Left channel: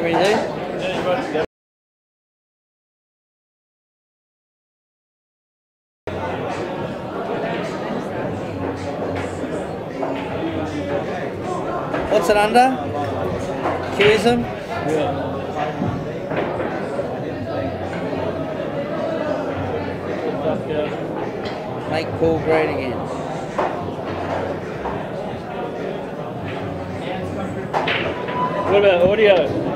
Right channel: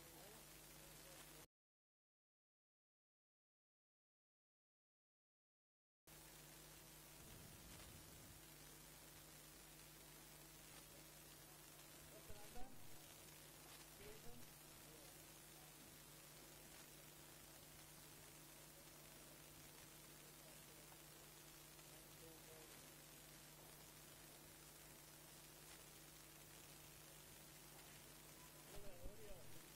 Whatever you do. What's it under? Cubism? Yeah. Make pool great again. What about audio?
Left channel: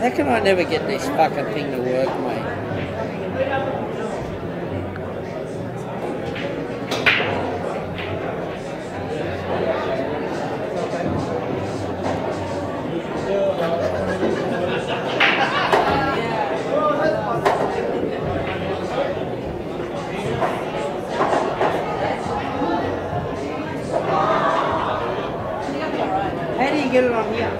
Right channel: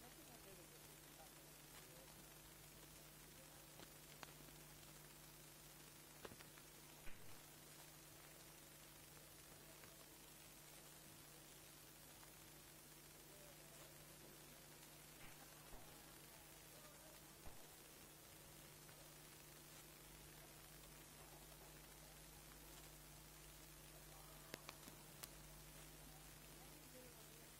How can I never get this fucking thing to work, mate? How do you get it on here?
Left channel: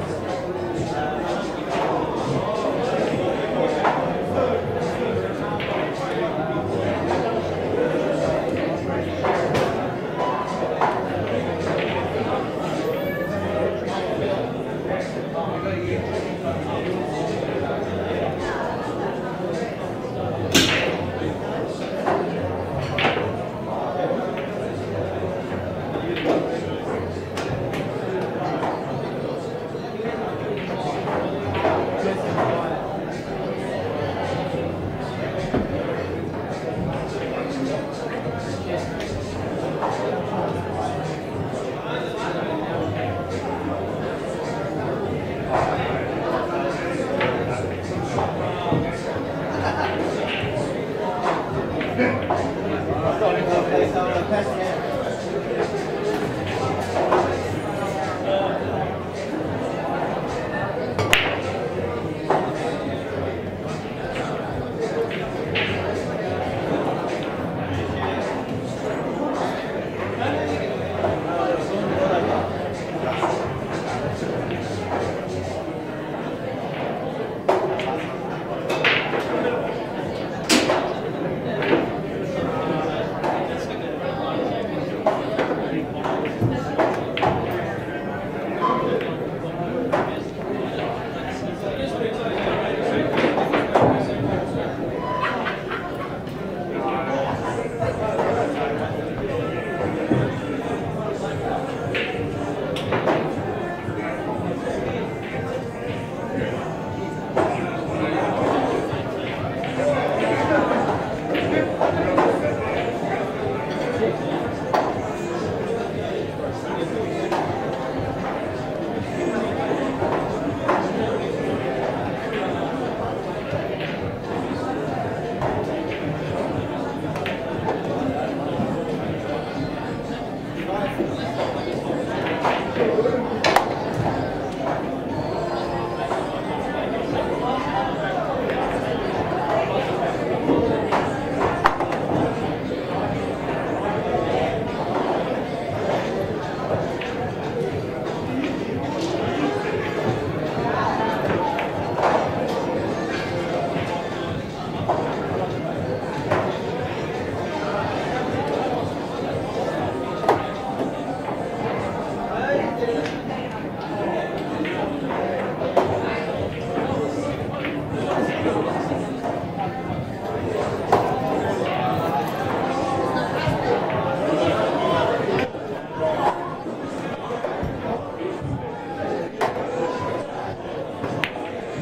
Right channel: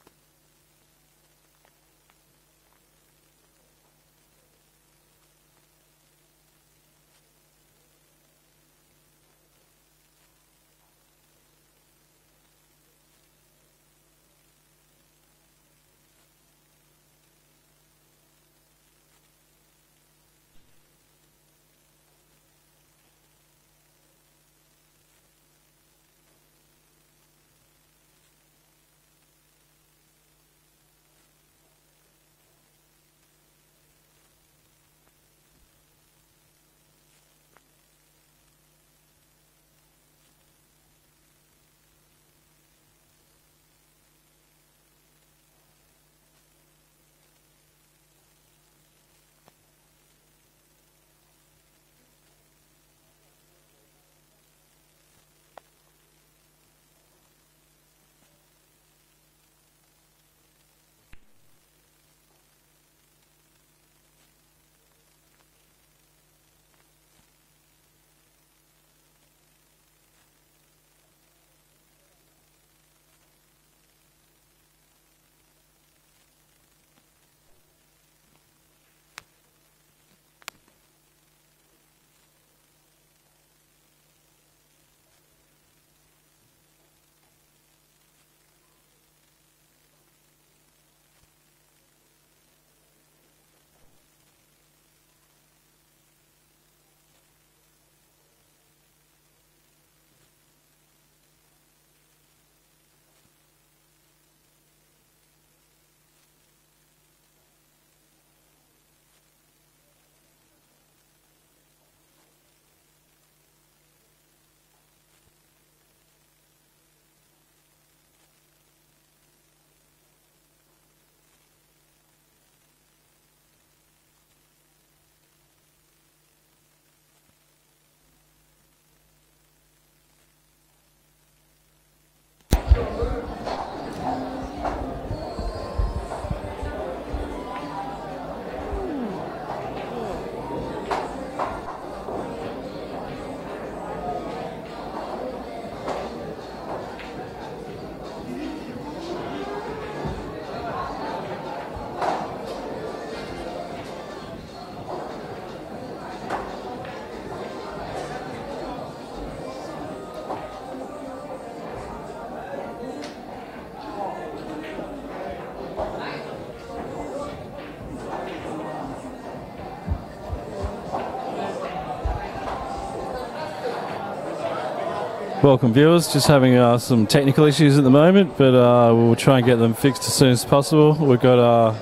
Welcome viewers, just having some technical issues at the moment, but we'll try and get them fixed as soon as possible. We've got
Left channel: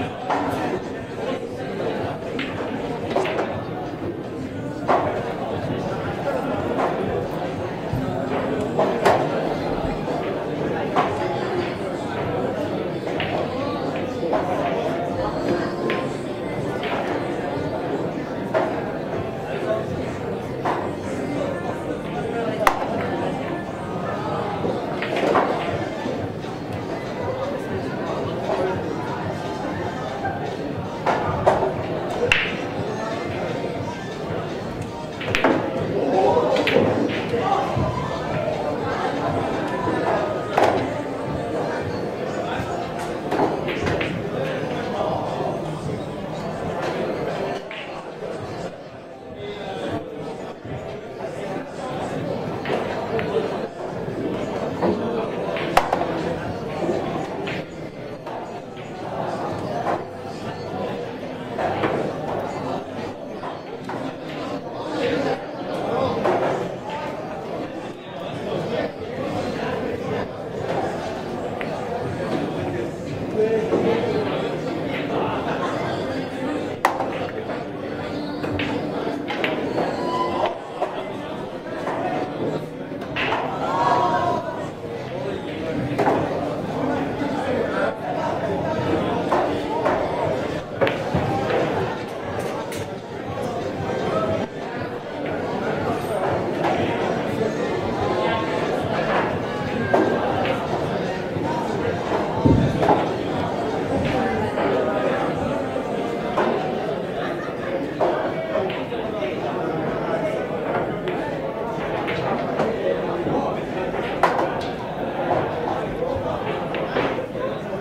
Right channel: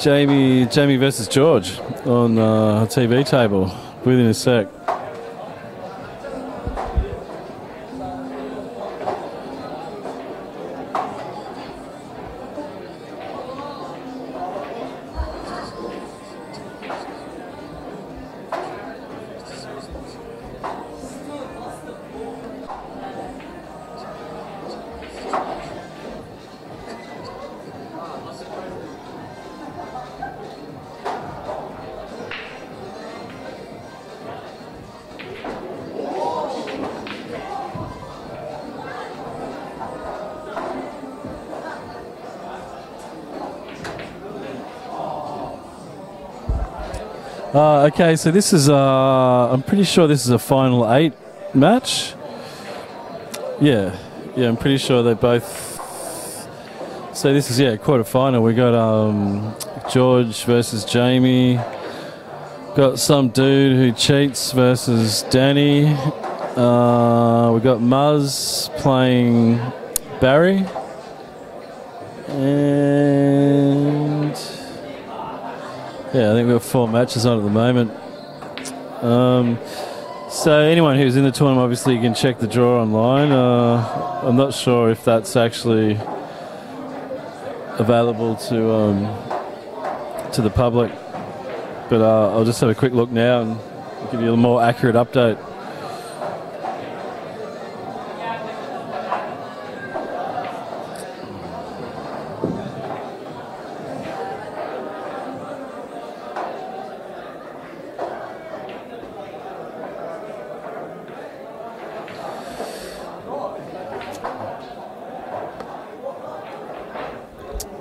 Jamie versus George on the TV table within a sec. Okay, so this is, I'm pretty sure this is a final 8 match. Yeah, Yeah, I'm pretty sure they both. So this is quarterfinal. We got George versus Jamie. Got some dude who cheats versus Danny. We got Muzz playing Barry. And yeah, I think we've got 4 matches on at the moment. So anyone who's in the tournament, obviously you can check the draw online. I'm not sure if that's actually available to the public, but I'll just have a quick look now and give you a more accurate update.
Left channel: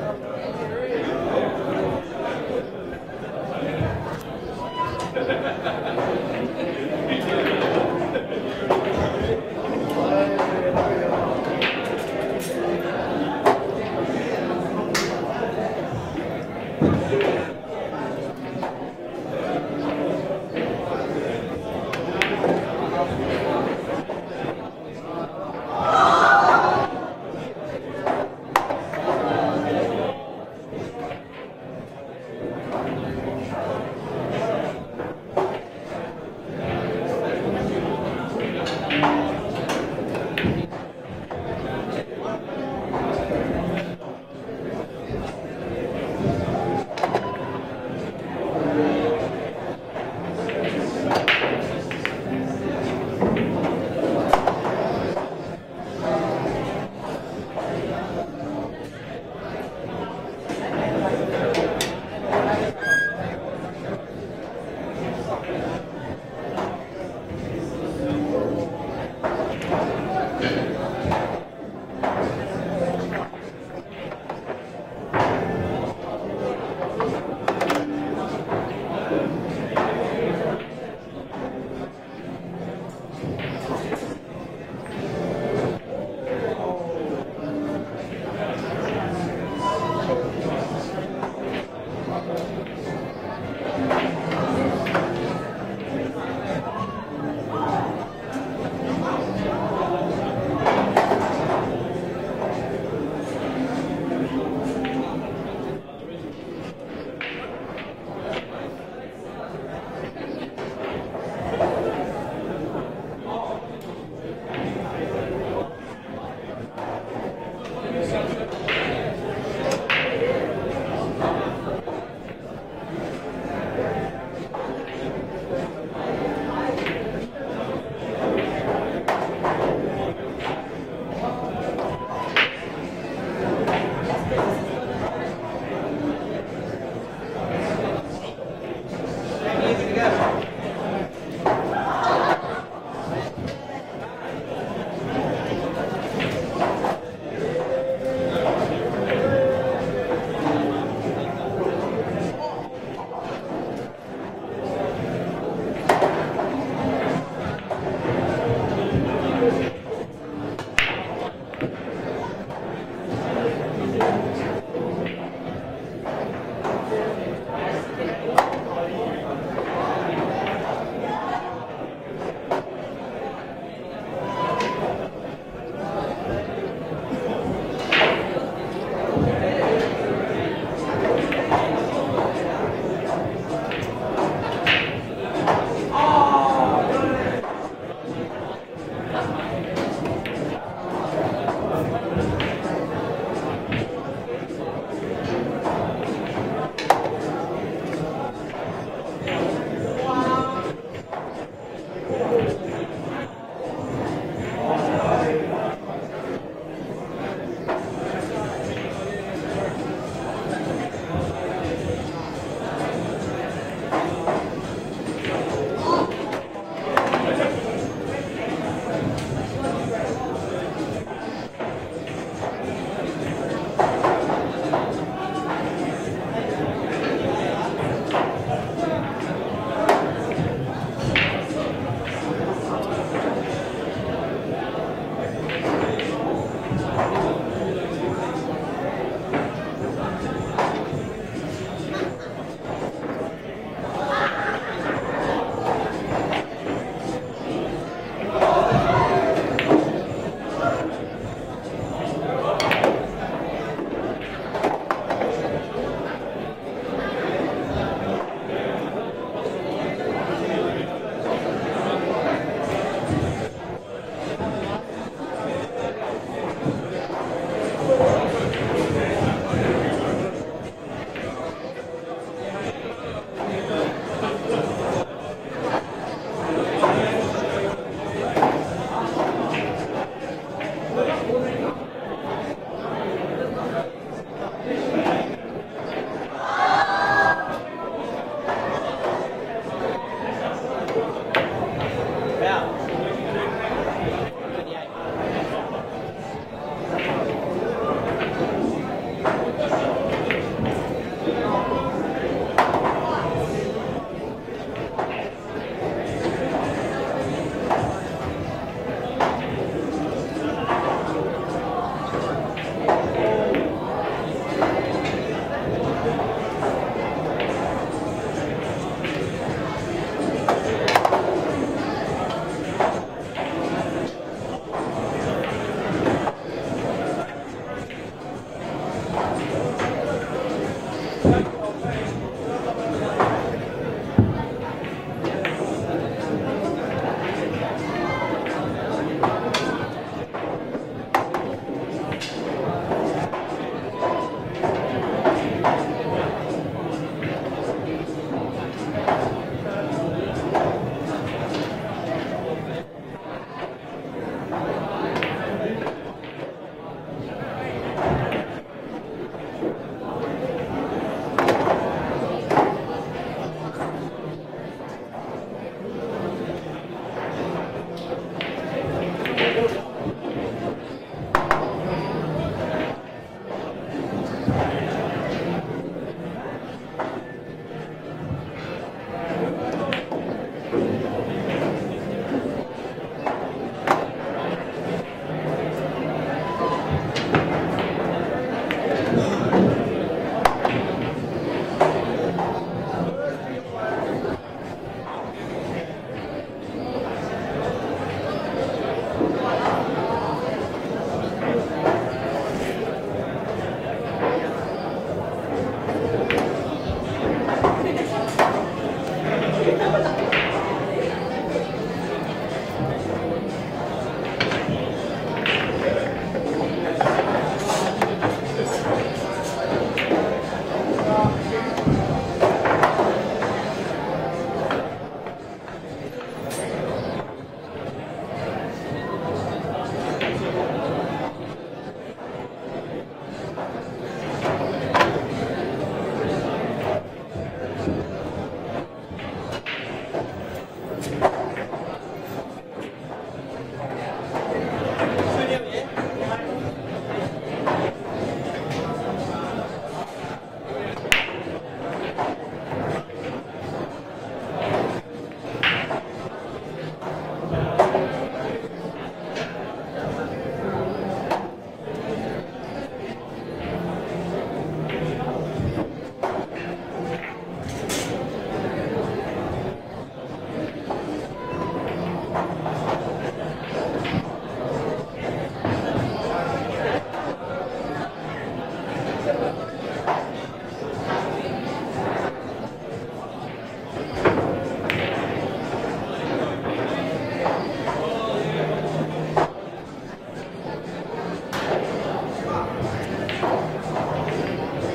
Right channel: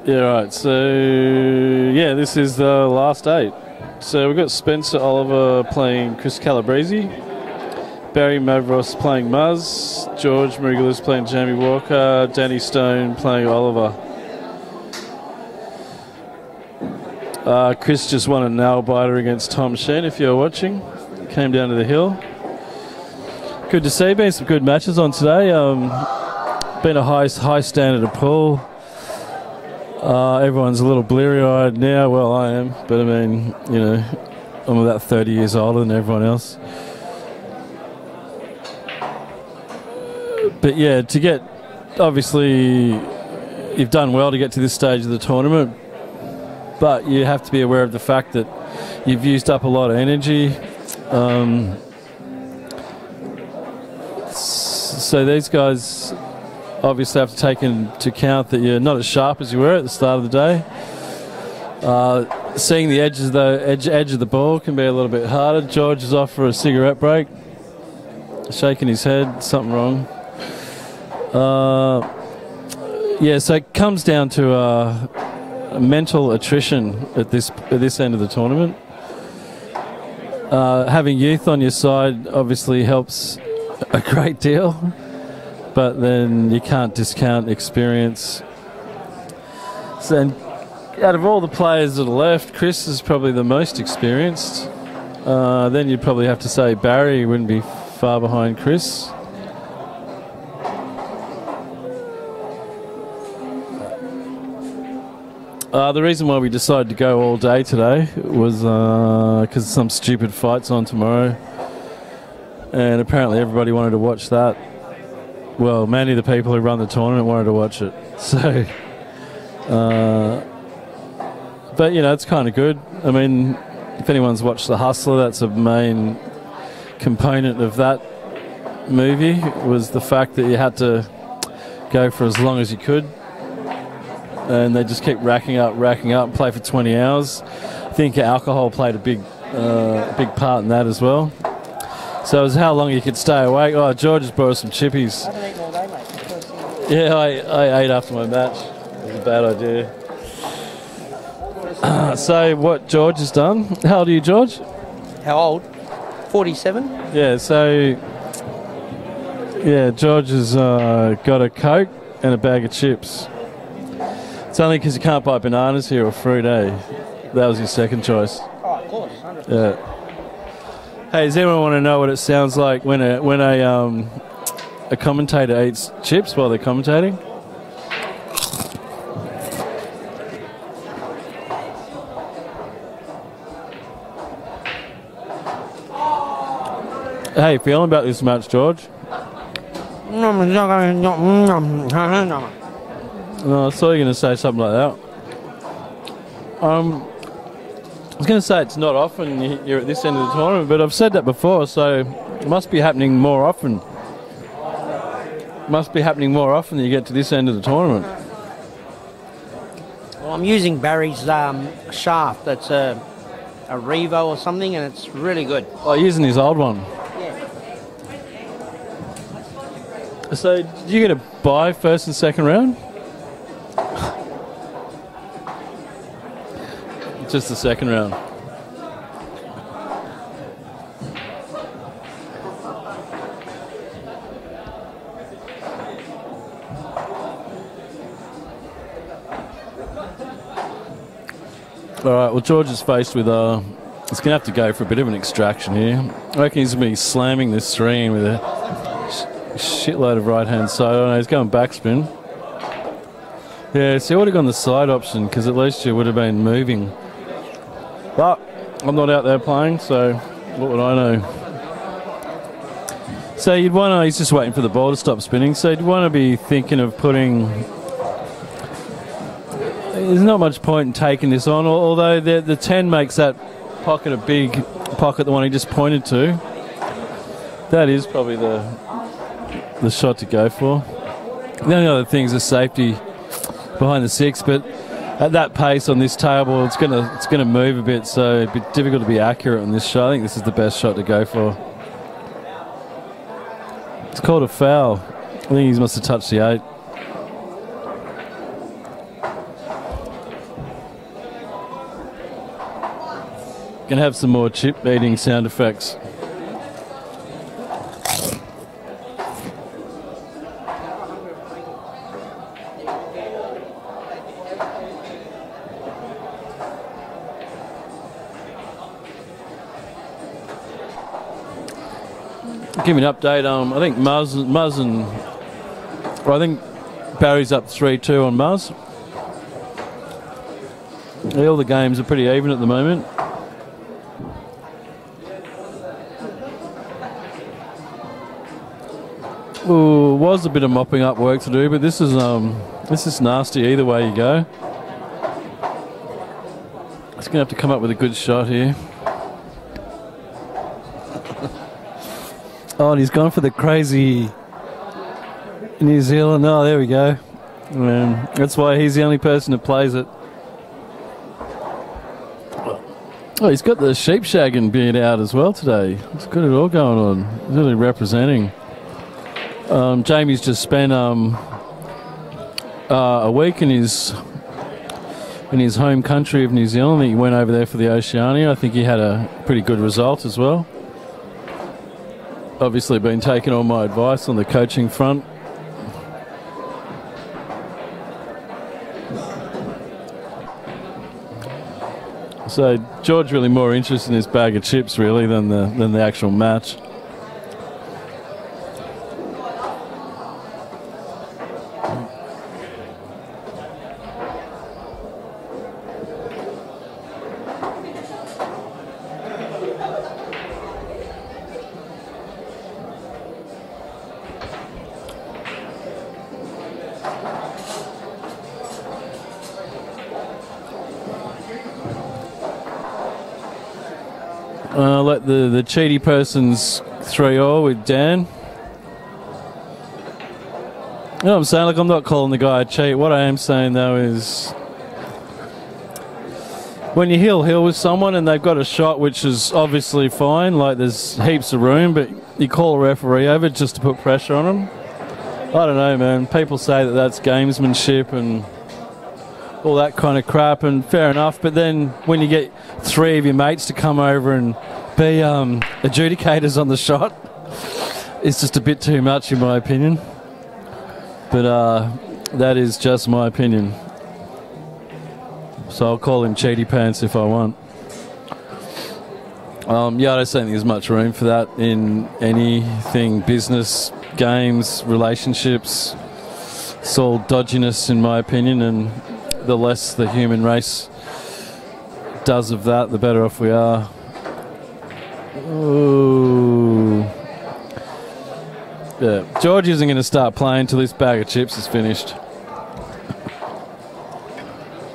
Yeah, right. So, yeah, this is the last 8. So we've got Spencer Oliver playing Chris Calabrese, Barry Mavros playing Muzz, George Mariglis playing Jamie Walker, Danny Stone playing Oliver. Chris just won a nail biter against Tom Shen, if you're watching. Came down to the hill. Good to see. Been some good matches on today. Been a high standard of pool. Everyone's a little bleary-eyed now. Well, I am, but I mean, you know, I'm about 30 years older than everyone else. But yeah, to get, obviously, you've done well to get to this stage of the tournament, but you have to be aware of the fact that you've used up a lot of energy. So these guys obviously have to take into account that you're not as sharp as you were at the start of the day. Seeing the edge of the ball can be a little bit harder. George is off for a cigarette break, shaking his head, something wrong. Yeah, so it comes down to mental attrition at this end of the tournament. Having youth on your side obviously helps a great deal, but then you can't discount experience. So, out of all the players that are left, Chris is probably the most experienced. Then you'd probably have to say Barry wouldn't be far behind Chris. The reason why we decided to go all day today was because some stupid fight's on tomorrow, and apparently everybody wanted to watch that. Well, many of the people who run the tournament wanted to watch it. So, but you know, it's kind of good. I mean, if anyone's watched The Hustler, that's a main component of that movie, was the fact that you had to go for as long as you could. And they just kept racking up, play for 20 hours. I think alcohol played a big part in that as well. So it was how long you could stay awake. Oh, George has brought us some chippies. Yeah, I ate after my match. Bad idea. So what George has done. How old are you, George? How old? 47. Yeah, so yeah, George has got a Coke and a bag of chips. It's only because you can't buy bananas here or fruit, eh? That was his second choice. Yeah. Hey, does anyone want to know what it sounds like when a commentator eats chips while they're commentating? How you feeling about this match, George? Oh, I thought you were going to say something like that. I was going to say it's not often you're at this end of the tournament, but I've said that before, so it must be happening more often. It must be happening more often than you get to this end of the tournament. I'm using Barry's shaft. That's a Revo or something, and it's really good. Oh, using his old one. So, did you get a bye first and second round? Just the second round. All right, well, George is faced with he's going to have to go for a bit of an extraction here. I reckon he's going to be slamming this screen with a shitload of right-hand side. I don't know, he's going backspin. Yeah, so he would have gone the side option because at least you would have been moving. But I'm not out there playing, so what would I know? So you'd want to, he's just waiting for the ball to stop spinning, so you'd want to be thinking of putting... There's not much point in taking this on, although the 10 makes that pocket a big pocket, the one he just pointed to. That is probably the shot to go for. The only other thing is the safety behind the 6, but at that pace on this table, it's gonna move a bit, so it'd be difficult to be accurate on this shot. I think this is the best shot to go for. It's called a foul. I think he must have touched the 8. Gonna have some more chip beating sound effects. Give me an update. I think Muzz and well, I think Barry's up 3-2 on Muzz. All the games are pretty even at the moment. Ooh, was a bit of mopping up work to do, but this is nasty either way you go. He's gonna have to come up with a good shot here. Oh, and he's gone for the crazy New Zealand. Oh, there we go. That's why he's the only person that plays it. Oh, he's got the sheep shagging beard out as well today. He's got it all going on. He's really representing. Jamie's just spent a week in his home country of New Zealand. He went over there for the Oceania. I think he had a pretty good result as well. Obviously been taking all my advice on the coaching front. So George really more interested in his bag of chips really than the actual match. Let the cheaty person's 3-all with Dan. You know what I'm saying? Like, I'm not calling the guy a cheat. What I am saying though is when you heel with someone and they've got a shot which is obviously fine, like there's heaps of room, but you call a referee over just to put pressure on them. I don't know, man. People say that that's gamesmanship and all that kind of crap, and fair enough, but then when you get 3 of your mates to come over and be adjudicators on the shot, it's just a bit too much in my opinion. But that is just my opinion. So I'll call him cheaty pants if I want. Yeah, I don't think there's much room for that in anything, business, games, relationships. It's all dodginess in my opinion, and the less the human race does of that, the better off we are. Ooh. Yeah, George isn't going to start playing till this bag of chips is finished.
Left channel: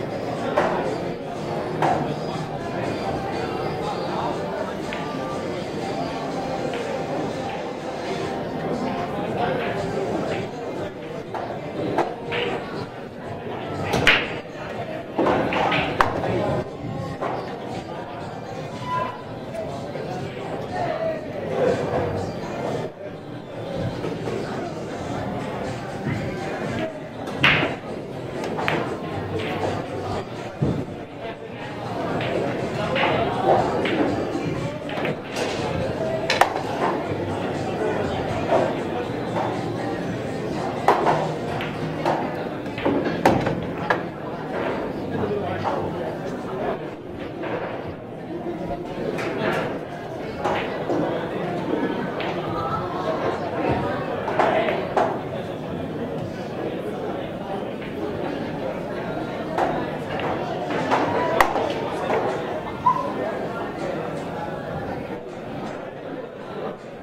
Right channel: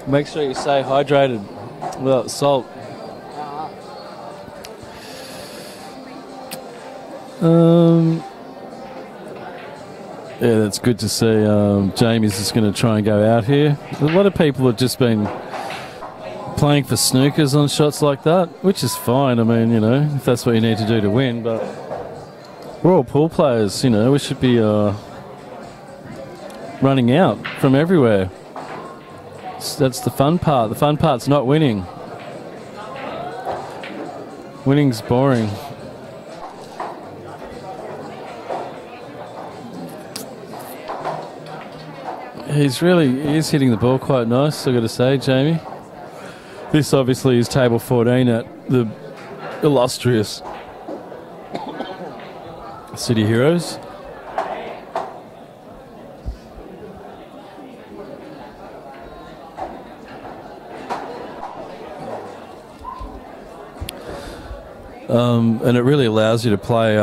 Make sure you stay hydrated without salt. Yeah, that's good to see. Jamie's just going to try and go out here. A lot of people have just been playing for snookers on shots like that, which is fine. I mean, you know, if that's what you need to do to win. But we're all pool players, you know. We should be running out from everywhere. That's the fun part. The fun part's not winning. Winning's boring. He's hitting the ball quite nice, I've got to say, Jamie. This obviously is table 14 at the illustrious City Heroes. And it really allows you to play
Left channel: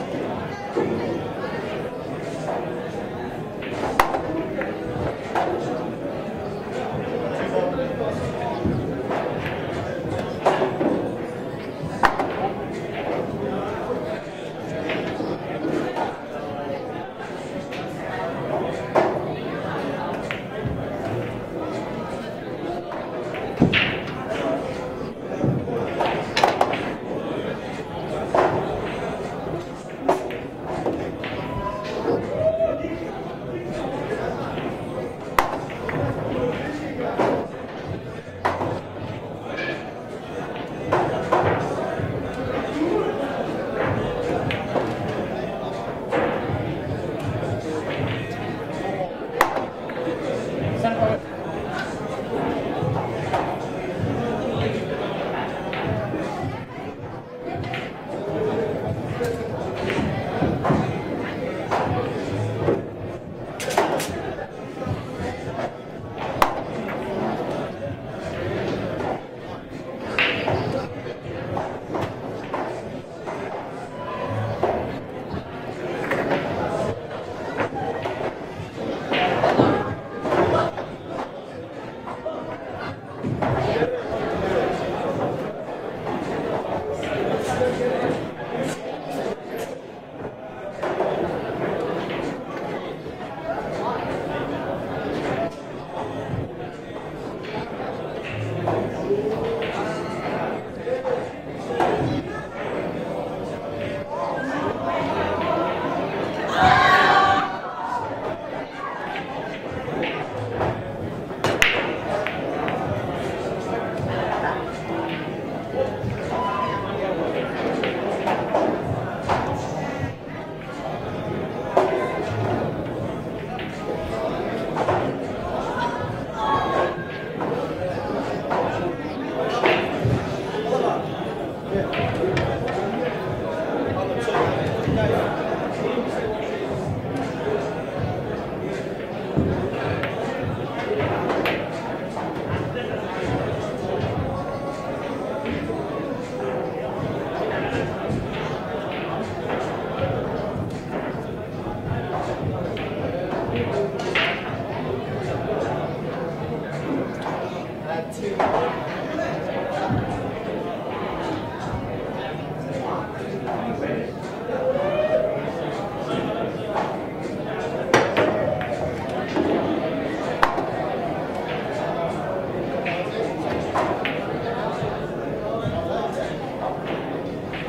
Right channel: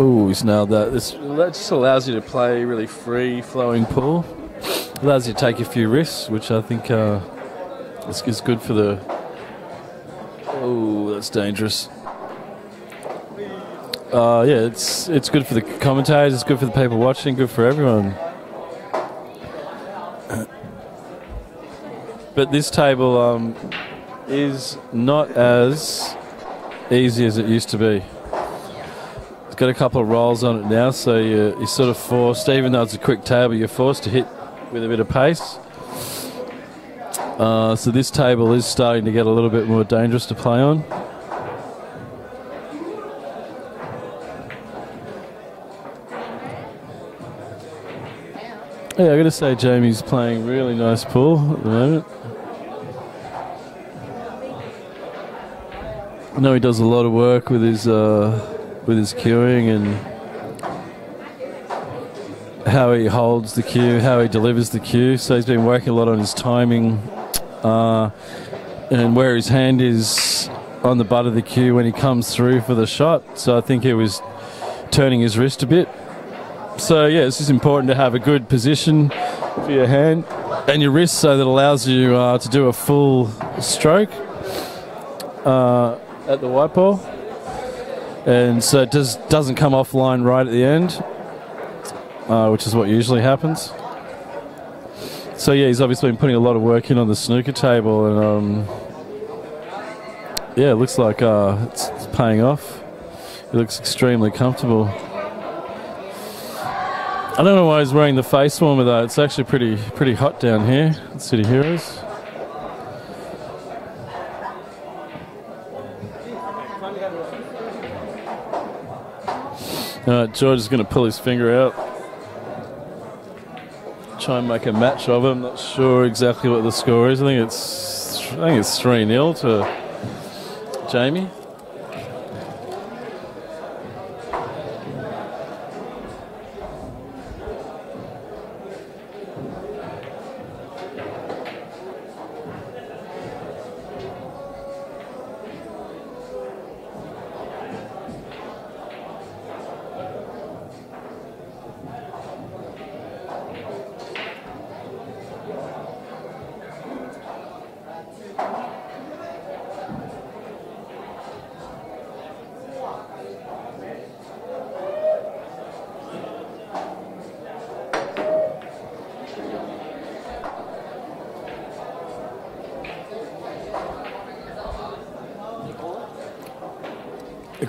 ooh, he's nailed that. That just allows you to play really free flowing pool. Allows you to take a few risks, which I think is good for the... Oh, that's dangerous. Yeah, it's good for the commentators, it's good for the people watching, good for everyone. But this table is not as easy as it used to be. It's got a couple of rolls on it now, so you're sort of forced, even though it's a quick table, you're forced to hit with a bit of pace. So this table is starting to get a little bit more dangerous to play on. Yeah, I've got to say Jamie's playing a really nice pool at the moment. I know he does a lot of work with his cueing and how he holds the cue, how he delivers the cue. So he's been working a lot on his timing and where his hand is on the butt of the cue when he comes through for the shot. So I think he was turning his wrist a bit. So yeah, it's just important to have a good position for your hand and your wrist, so that allows you to do a full stroke at the white ball, and so it doesn't come offline right at the end, which is what usually happens. So yeah, he's obviously been putting a lot of work in on the snooker table, and yeah, it looks like it's paying off. He looks extremely comfortable. I don't know why he's wearing the face warmer though. It's actually pretty hot down here at City Heroes. George is going to pull his finger out. Try and make a match of it. I'm not sure exactly what the score is. I think it's 3-0 to Jamie.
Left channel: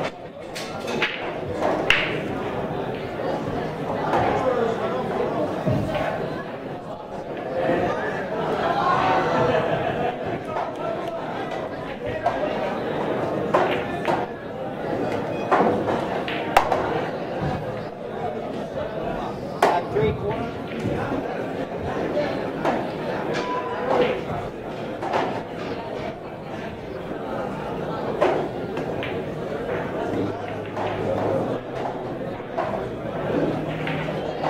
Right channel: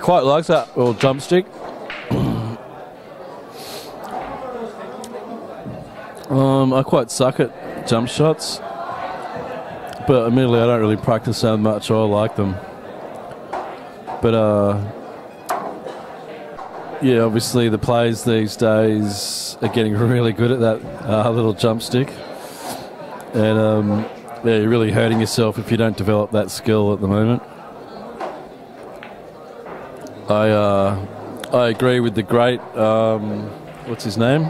Quite likes that little jump stick. I quite suck at jump shots, but admittedly I don't really practice that much or like them. But yeah, obviously the players these days are getting really good at that little jump stick, and yeah, you're really hurting yourself if you don't develop that skill at the moment. I agree with the great, what's his name?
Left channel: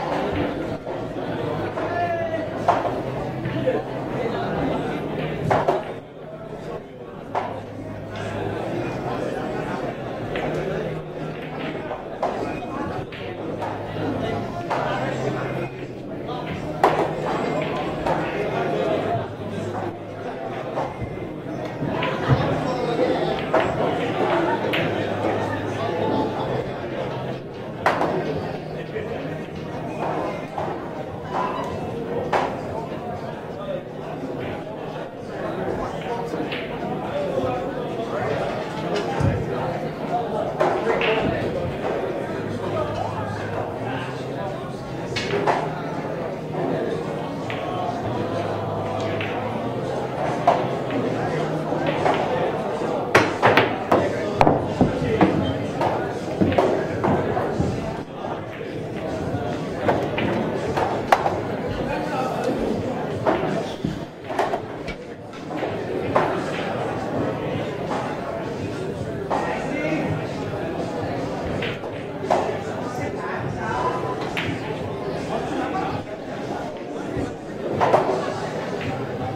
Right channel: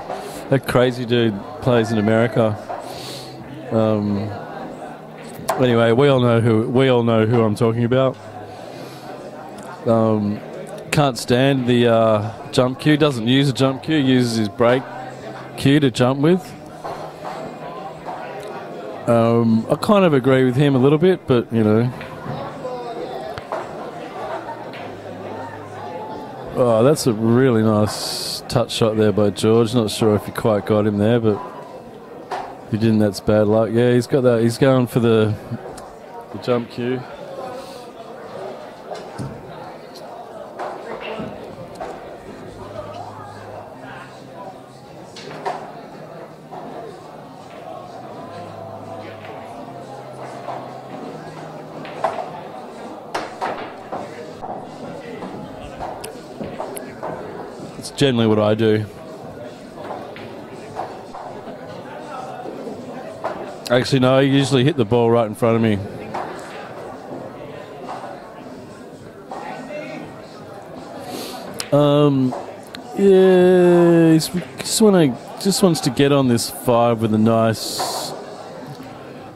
That crazy dude plays in America. Anyway, we all know who I'm talking about. Can't stand the jump cue. Doesn't use a jump cue. Uses his break cue to jump with. I kind of agree with him a little bit, but you know. Oh, that's a really nice touch shot there by George. Not sure if he quite got him there, but if he didn't, that's bad luck. Yeah, he's got that. He's going for the jump cue. Generally what I do. Actually, no, I usually hit the ball right in front of me. Yeah, just wants to get on this 5 with a nice.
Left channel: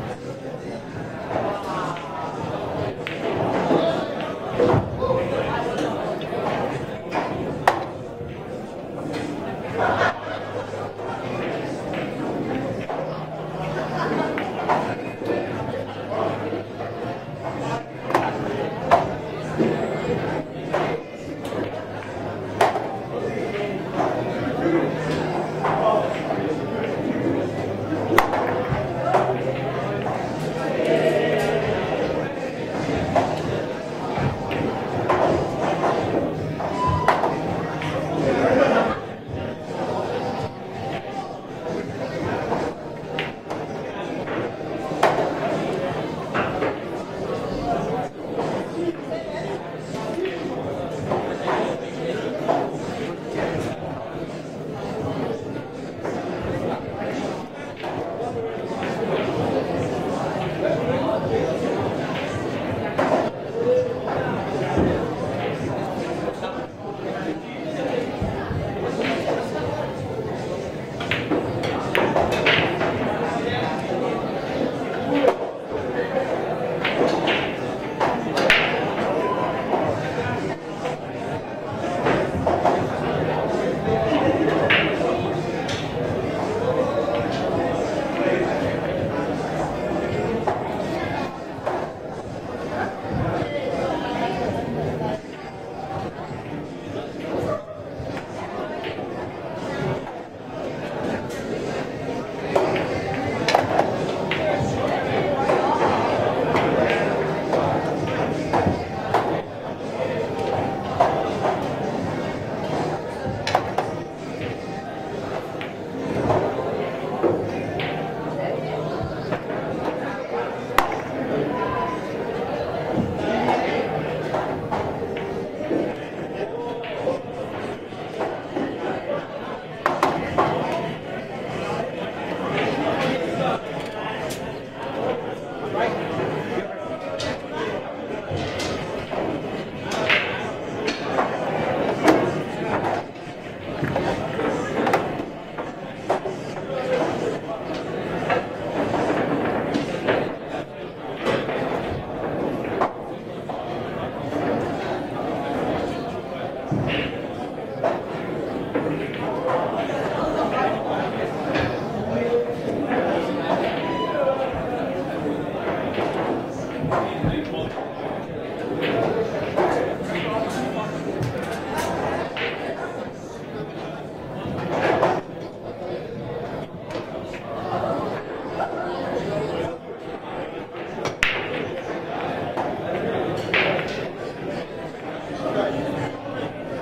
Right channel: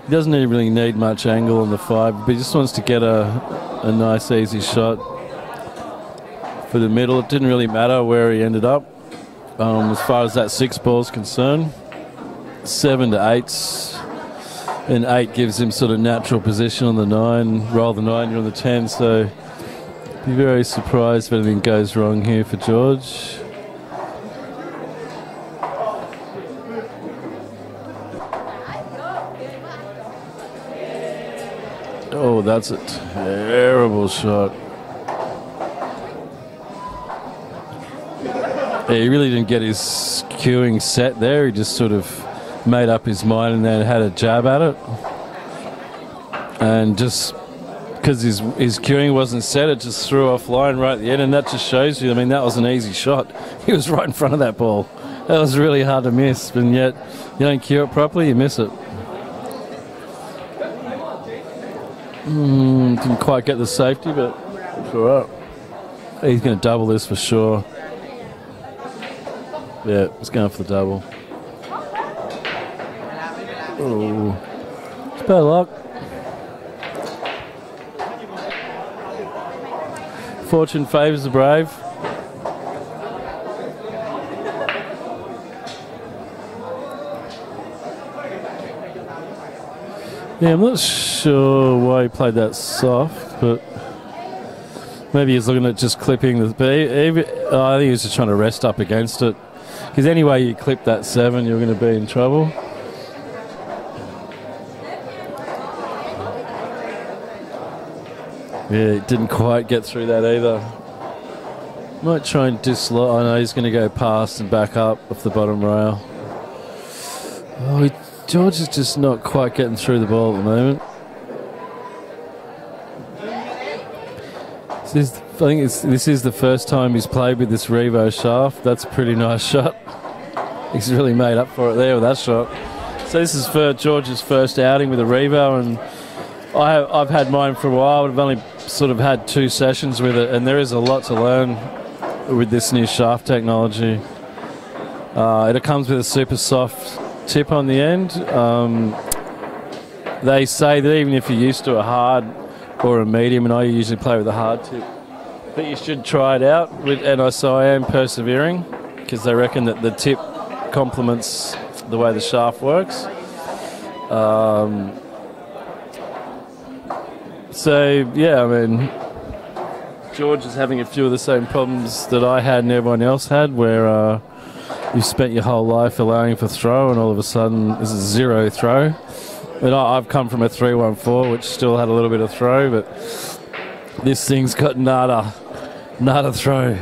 He doesn't really need much angle on the 5, but he just wants to get a nice easy shot for the middle. It didn't really matter where he ended up as far as that 6 ball is concerned. 7 to 8s, and 8 gives him sort of natural position on the 9, roll the 9 on the 10. So I'm very surprised if anything goes wrong here for George. Oh, that's a terrible shot. Yeah, he really didn't get his cueing set there. He just sort of made up his mind and then had a jab at it. And just because his cueing wasn't set, it just threw offline right at the end. And that just shows you, I mean, that was an easy shot. He was right in front of that ball. That was really hard to miss. And yet, you don't cue it properly, you miss it. Didn't quite get the safety, but he's going to double this for sure. Yeah, he's going for the double. Oh, bad luck. Fortune favours the brave. Yeah, I'm not sure why he played that soft, but maybe he's looking at just clipping the B. I think he was just trying to rest up against it. Because anyway you clip that 7, you're going to be in trouble. Yeah, he didn't quite get through that either. Might try and dislodge. I know he's going to go past and back up off the bottom rail. Oh, George is just not quite getting through the ball at the moment. I think this is the first time he's played with this Revo shaft. That's a pretty nice shot. He's really made up for it there with that shot. So this is for George's first outing with a Revo, and I've had mine for a while, but I've only sort of had 2 sessions with it, and there is a lot to learn with this new shaft technology. It comes with a super soft tip on the end. They say that even if you're used to a hard or a medium, and I usually play with a hard tip, that you should try it out. So I am persevering, because they reckon that the tip complements the way the shaft works. So yeah, I mean, George is having a few of the same problems that I had and everyone else had, where you've spent your whole life allowing for throw, and all of a sudden this is 0 throw. And I've come from a 3-1-4, which still had a little bit of throw, but this thing's got nada throw.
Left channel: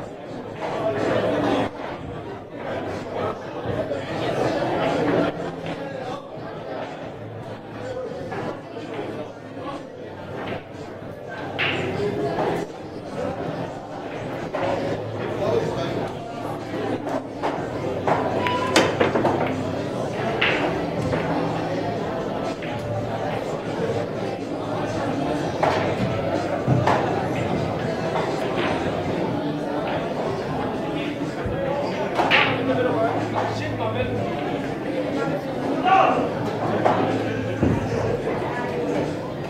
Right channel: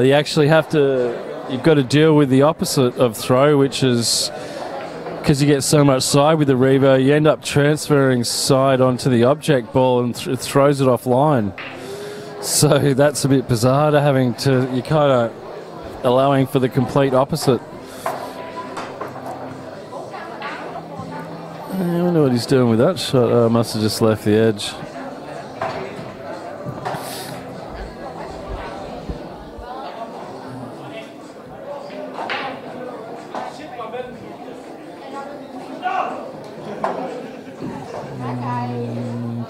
You actually you've got to deal with the opposite of throw, which is, because you get so much side with the Revo, you end up transferring side onto the object ball and it throws it offline. So that's a bit bizarre to you're kind of allowing for the complete opposite. I wonder what he's doing with that shot. Oh, must have just left the edge.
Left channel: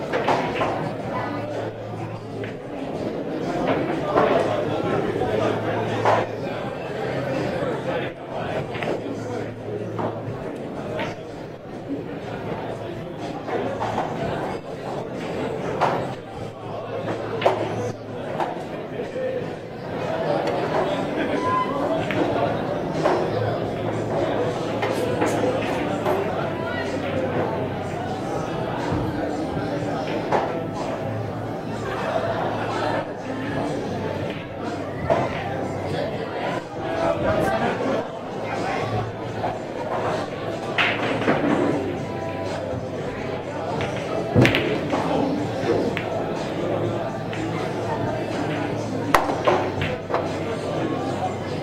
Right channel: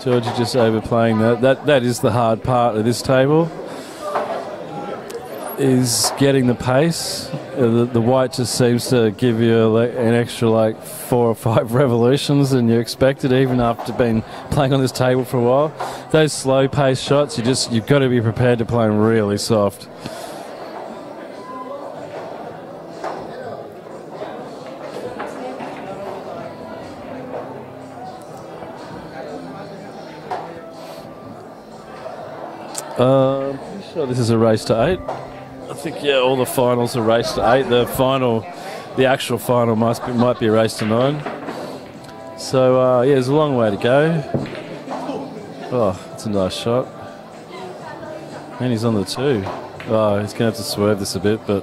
George is just overplaying that. That is the hard part of this table, is getting the pace. The white just seems to give you an extra 4 or 5 revolutions than you expected, even after being playing on this table for a while. Those slow pace shots, you've got to be prepared to play them really soft. So this is a race to 8. I think, yeah, all the finals are race to 8. The actual final might be a race to 9. So, yeah, there's a long way to go. Oh, it's a nice shot. And he's on the 2. Oh, he's going to have to swerve this a bit, but...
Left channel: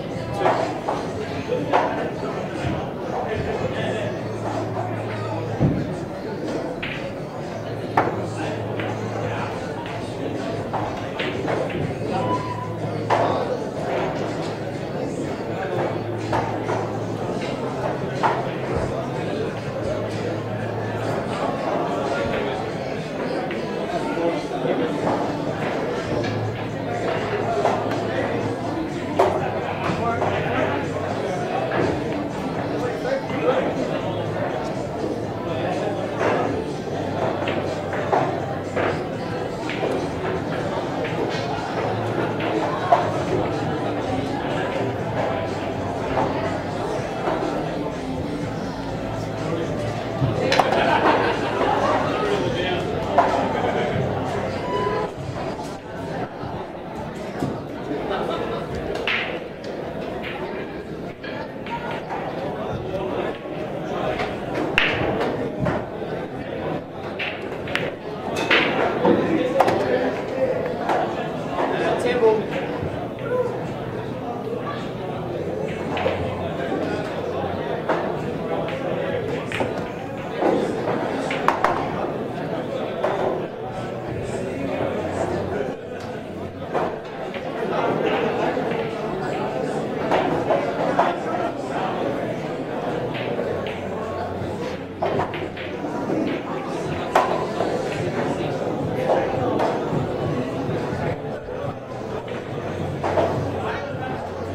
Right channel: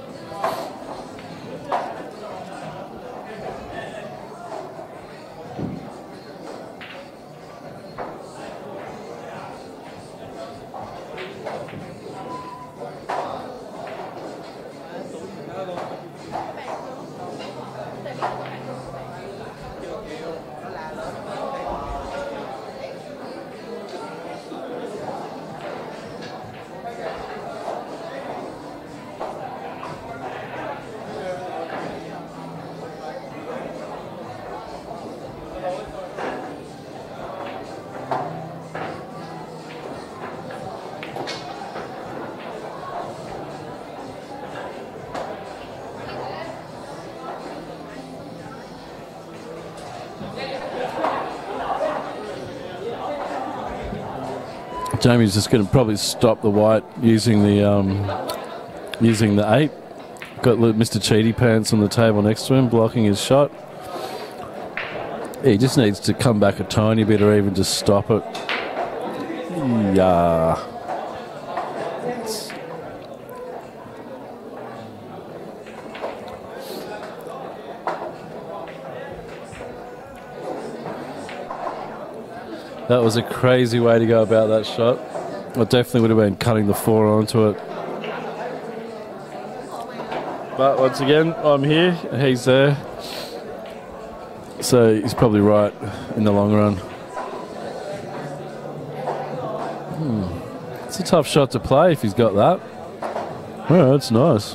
Jamie's just going to probably stop the white using the 8. Got Mr. Cheaty Pants on the table next to him, blocking his shot. He just needs to come back a tiny bit or even just stop it. Yeah. That was a crazy way to go about that shot. I definitely would have been cutting the 4 onto it. But once again, I'm here, he's there. So he's probably right in the long run. It's a tough shot to play if he's got that. Yeah, that's nice.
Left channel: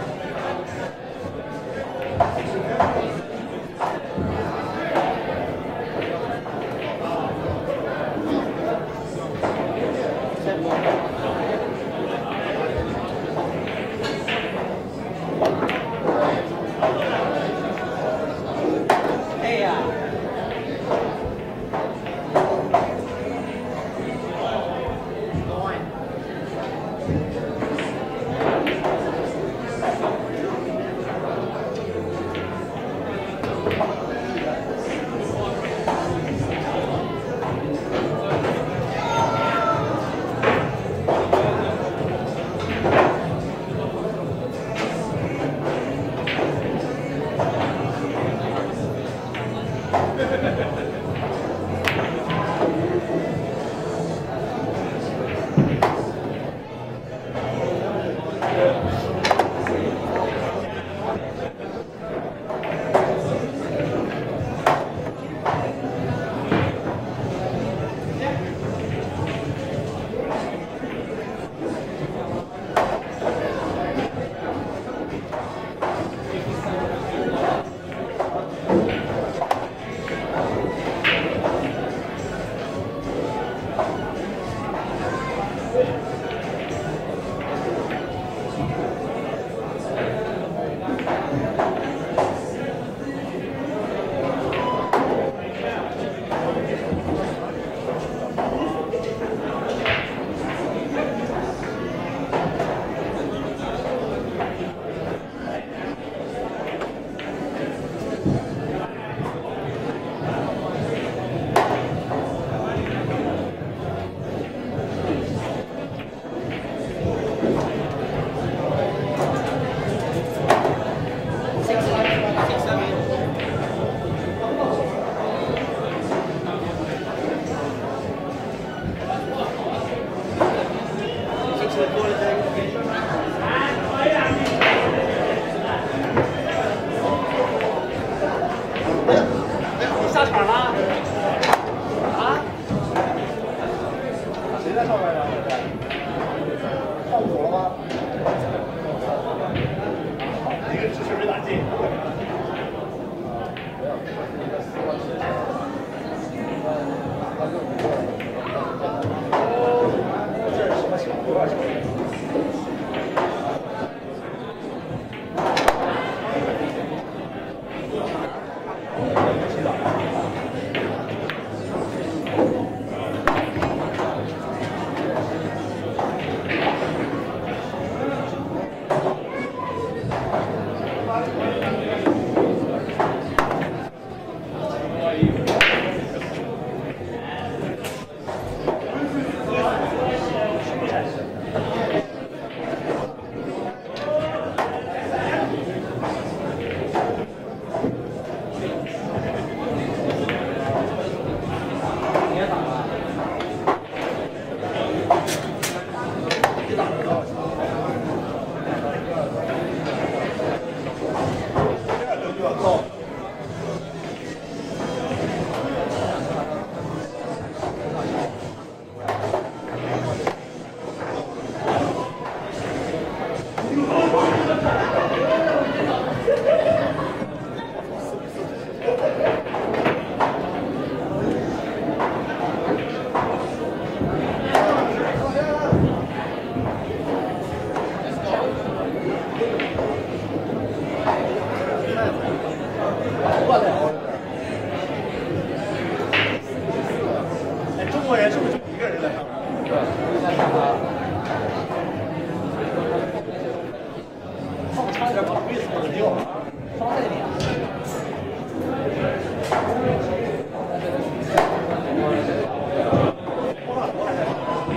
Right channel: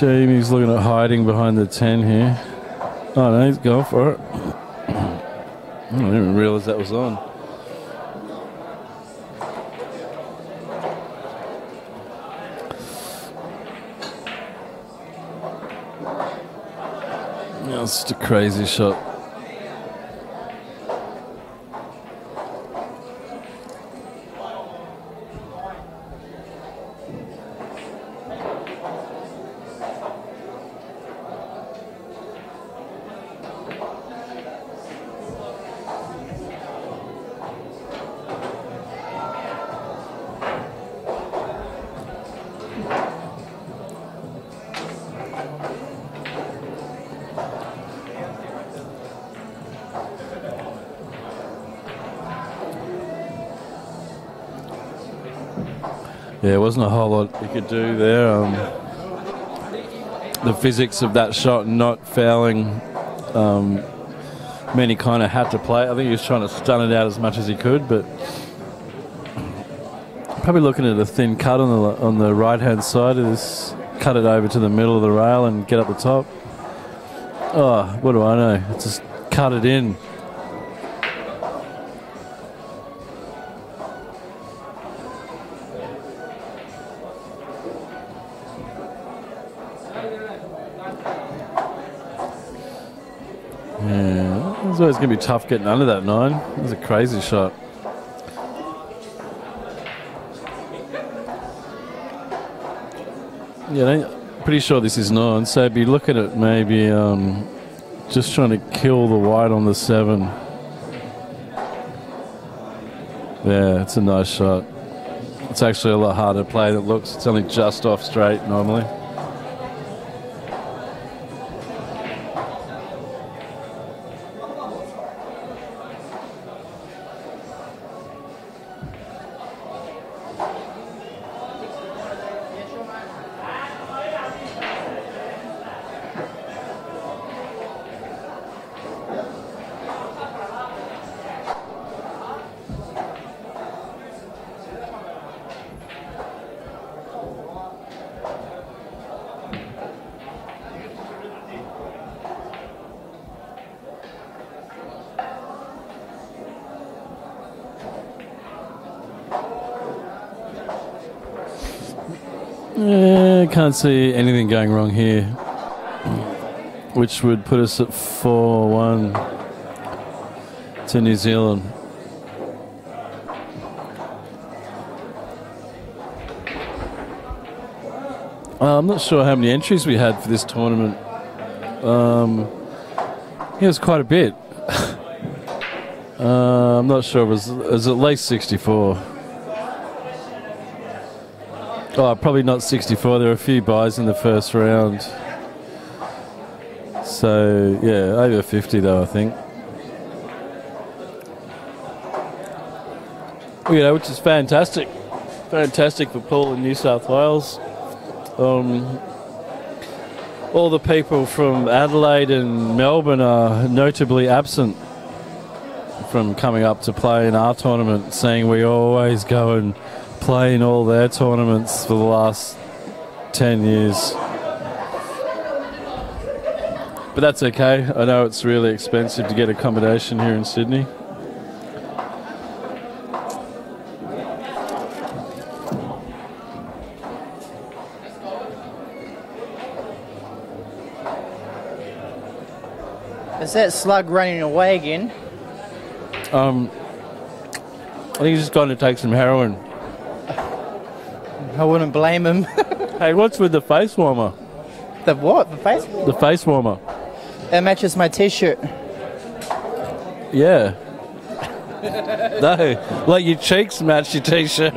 Jamie's looking at hiding behind the 10 here. Oh no, he's going for it. I didn't even realise that was on. That's just a crazy shot. Yeah, there wasn't a whole lot you could do there. The physics of that shot not fouling meant he kind of had to play. I think he was trying to stun it out as much as he could, but probably looking at a thin cut on the right-hand side. Is cut it over to the middle of the rail and get up the top. Oh, what do I know? Just cut it in. It's always going to be tough getting under that 9. It was a crazy shot. Yeah, pretty sure this is 9. So be looking at maybe just trying to kill the white on the 7. Yeah, it's a nice shot. It's actually a lot harder to play than it looks. It's only just off straight normally. Can't see anything going wrong here, which would put us at 4-1 to New Zealand. I'm not sure how many entries we had for this tournament. It was quite a bit. I'm not sure, it was at least 64. Oh, probably not 64. There were a few buys in the first round. So, yeah, over 50 though, I think. You know, which is fantastic. Fantastic for Pool in New South Wales. All the people from Adelaide and Melbourne are notably absent from coming up to play in our tournament, saying we always go and play in all their tournaments for the last 10 years. But that's okay. I know it's really expensive to get accommodation here in Sydney. Is that slug running away again? I think he's going to take some heroin. I wouldn't blame him. Hey, what's with the face warmer? The what? Face? The face warmer. That matches my t-shirt. Yeah. No, like your cheeks match your t-shirt.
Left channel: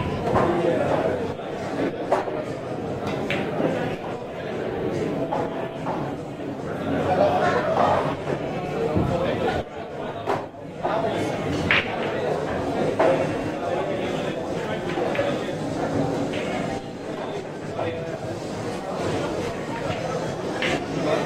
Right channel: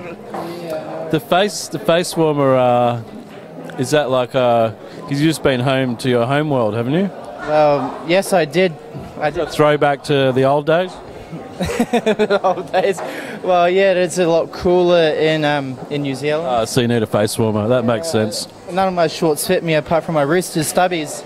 The face warmer. Is that like? Because you've just been home to your home world, haven't you? Yes, I did. Throwback to the old days. The old days. Well, yeah, it's a lot cooler in New Zealand. So you need a face warmer. That makes sense. None of my shorts fit me apart from my Roosters stubbies.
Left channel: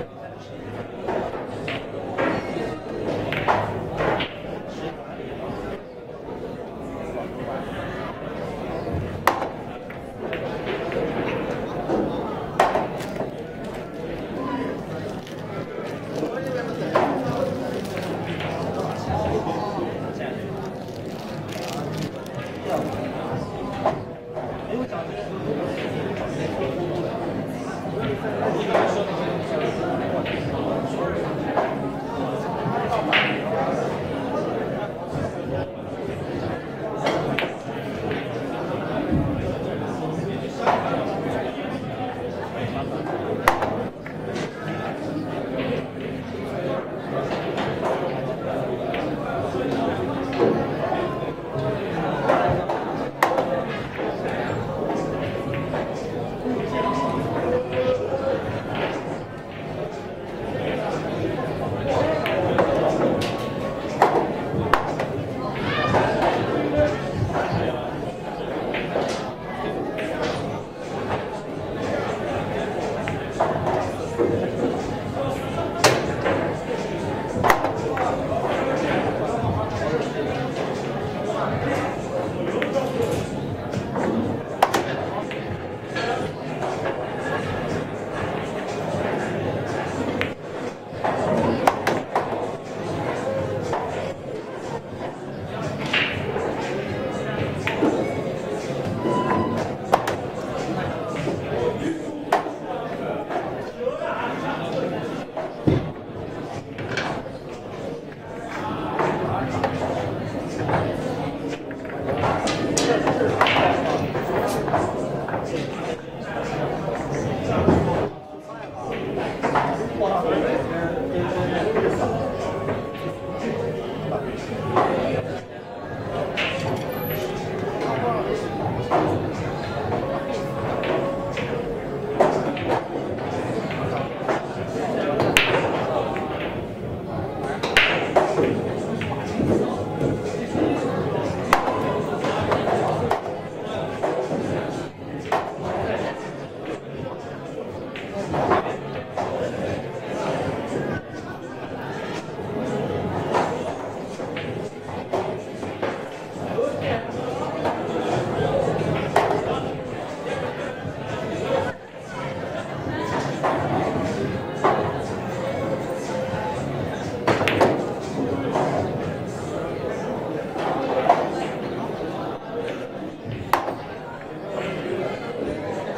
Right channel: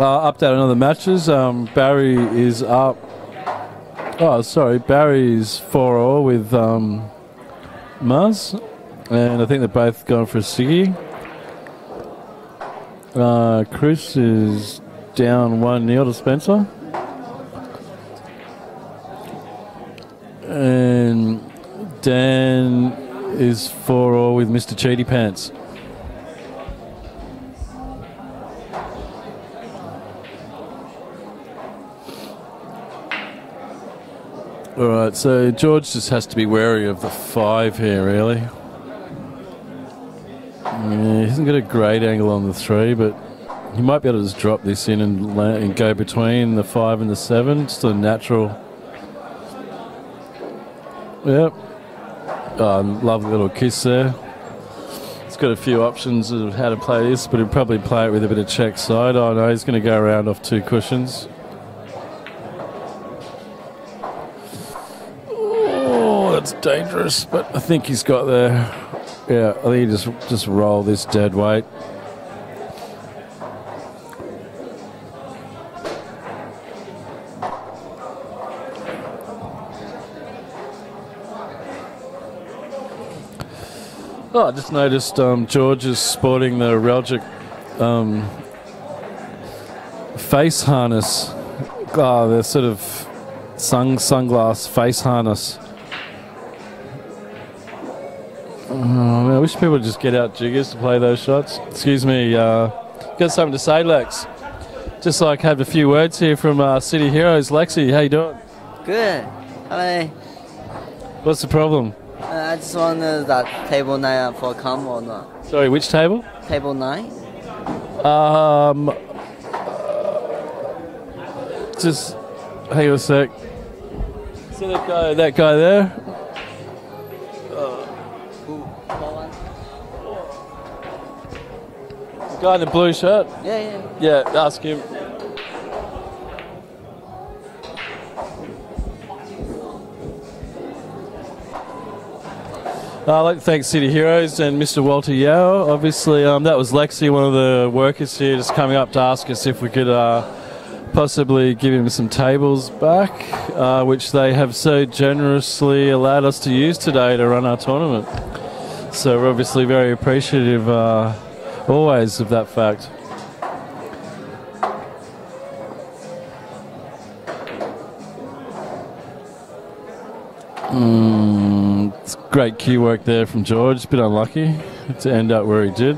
Update on the matches. Barry is up. Oh, sorry. Barry's 4-4 with Muzz. And I think they're both going for a ciggy. Chris is down 1-0 to Spencer. And Dan is 4-4 with Mr. Cheaty Pants. All right, so George just has to be wary of the 5 here, really. He hasn't got a great angle on the 3, but he might be able to just drop this in and go between the 5 and the 7. Just a natural. Yep. Oh, lovely little kiss there. He's got a few options of how to play this, but he'll probably play it with a bit of check side. Oh no, he's going to go around off 2 cushions. Dangerous, but I think he's got there. Yeah, I think he just roll this dead weight. Oh, I just noticed George is sporting the Relgic face harness. Oh, the sort of sunglass face harness. I wish people would just get out jiggers to play those shots. Excuse me, got something to say, Lex? Just like have a few words here from City Heroes. Lexi, how you doing? Good. Hi. What's the problem? It's on that table 9 for console. Sorry, which table? Table 9. Just hang on a sec. So that guy there. Guy in the blue shirt? Yeah, ask him. I'd like to thank City Heroes and Mr. Walter Yao. Obviously, that was Lexi, one of the workers here, just coming up to ask us if we could possibly give him some tables back, which they have so generously allowed us to use today to run our tournament. So we're obviously very appreciative always of that fact. It's great cue work there from George. A bit unlucky to end up where he did.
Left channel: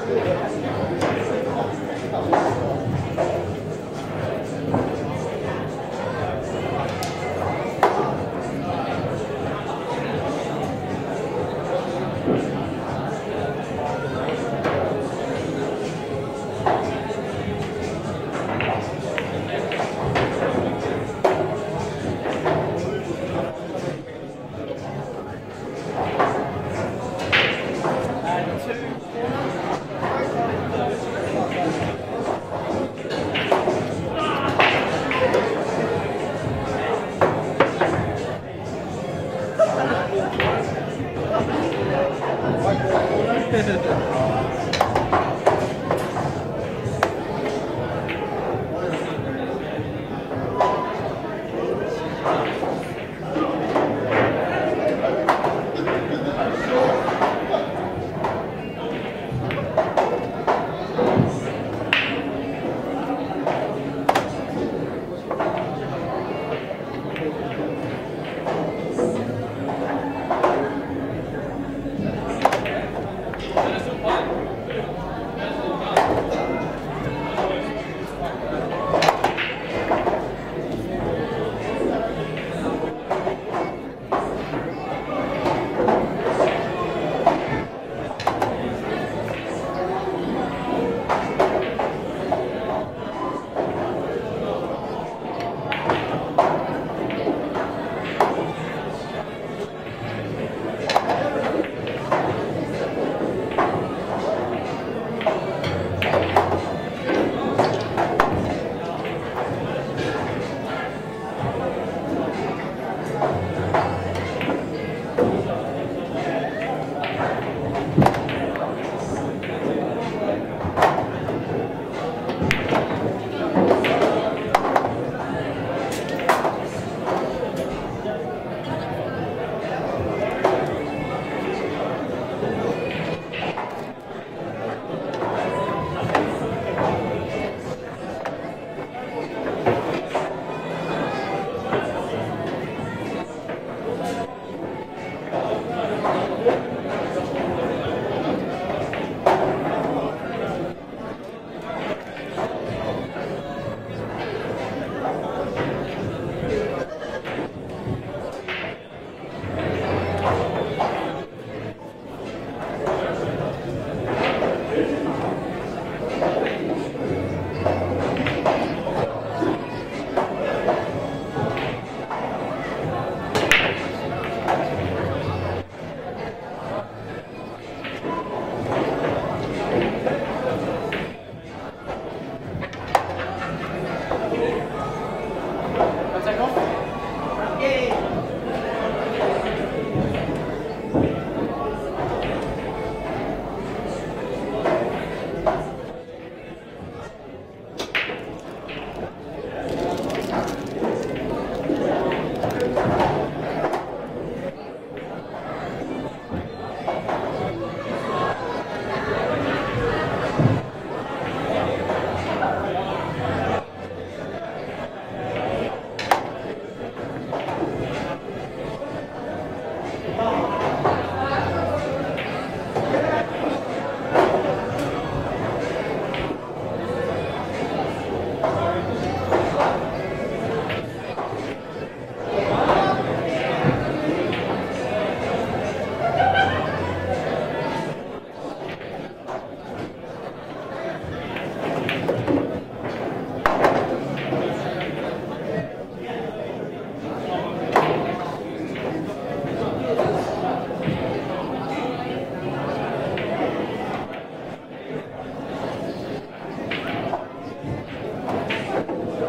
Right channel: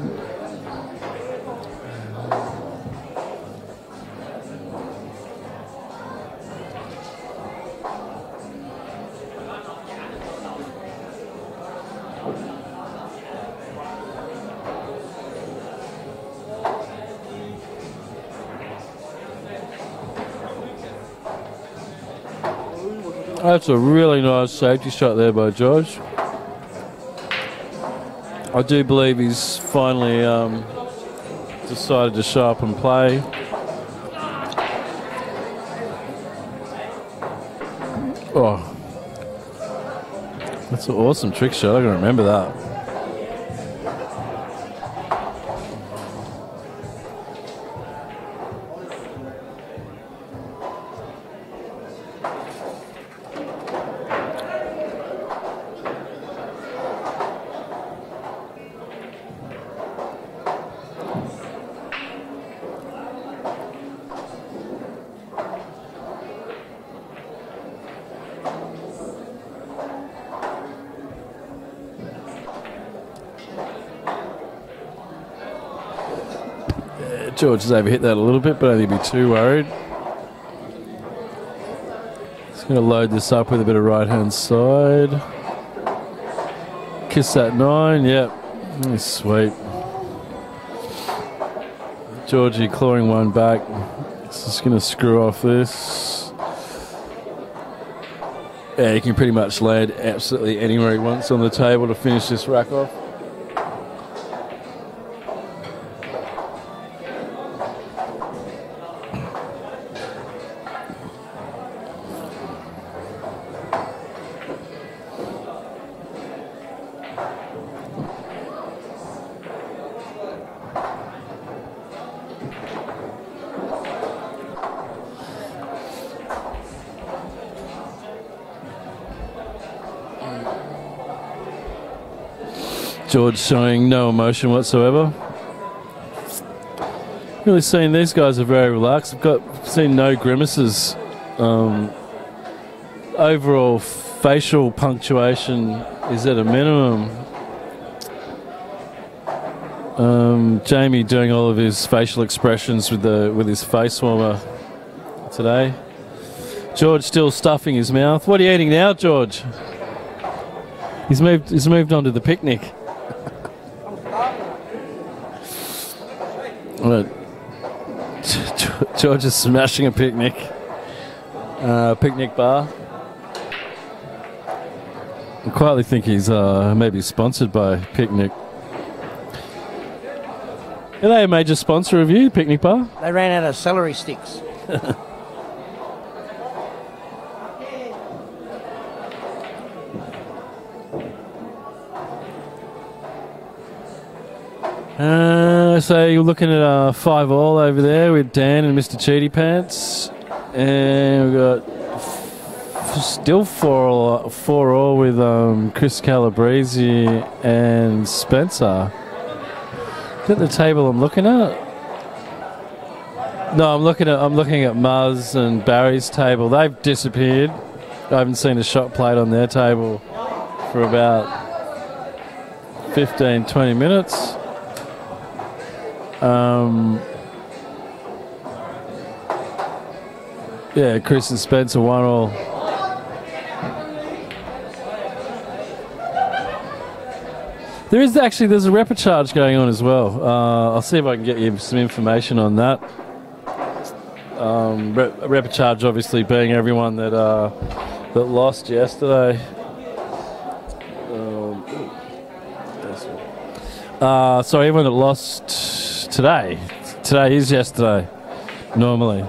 That's a really nice safety shot there by George. I do believe he's finally decided to sharpen play. Oh, that's an awesome trick shot. I can remember that. George has overhit that a little bit, but I don't think he'd be too worried. Just going to load this up with a bit of right-hand side. Kiss that 9, yeah. That's sweet. Georgie clawing one back. It's just going to screw off this. Yeah, he can pretty much land absolutely anywhere he wants on the table to finish this rack off. George showing no emotion whatsoever. Really seeing these guys are very relaxed. I've seen no grimaces. Overall facial punctuation is at a minimum. Jamie doing all of his facial expressions with his face warmer today. George still stuffing his mouth. What are you eating now, George? He's moved on to the picnic. George is smashing a picnic bar. I quietly think he's maybe sponsored by Picnic. Are they a major sponsor of you, Picnic Bar? They ran out of celery sticks. So you're looking at 5-all over there with Dan and Mr. Cheaty Pants, and we've got still 4-all with Chris Calabrese and Spencer. Is that the table I'm looking at? No, I'm looking at Muzz and Barry's table. They've disappeared. I haven't seen a shot played on their table for about 15-20 minutes. Yeah, Chris and Spencer 1-all. There's a replicharge going on as well. I'll see if I can get you some information on that. Replicharge obviously being everyone that lost yesterday. Sorry, everyone that lost today. Today is yesterday, normally.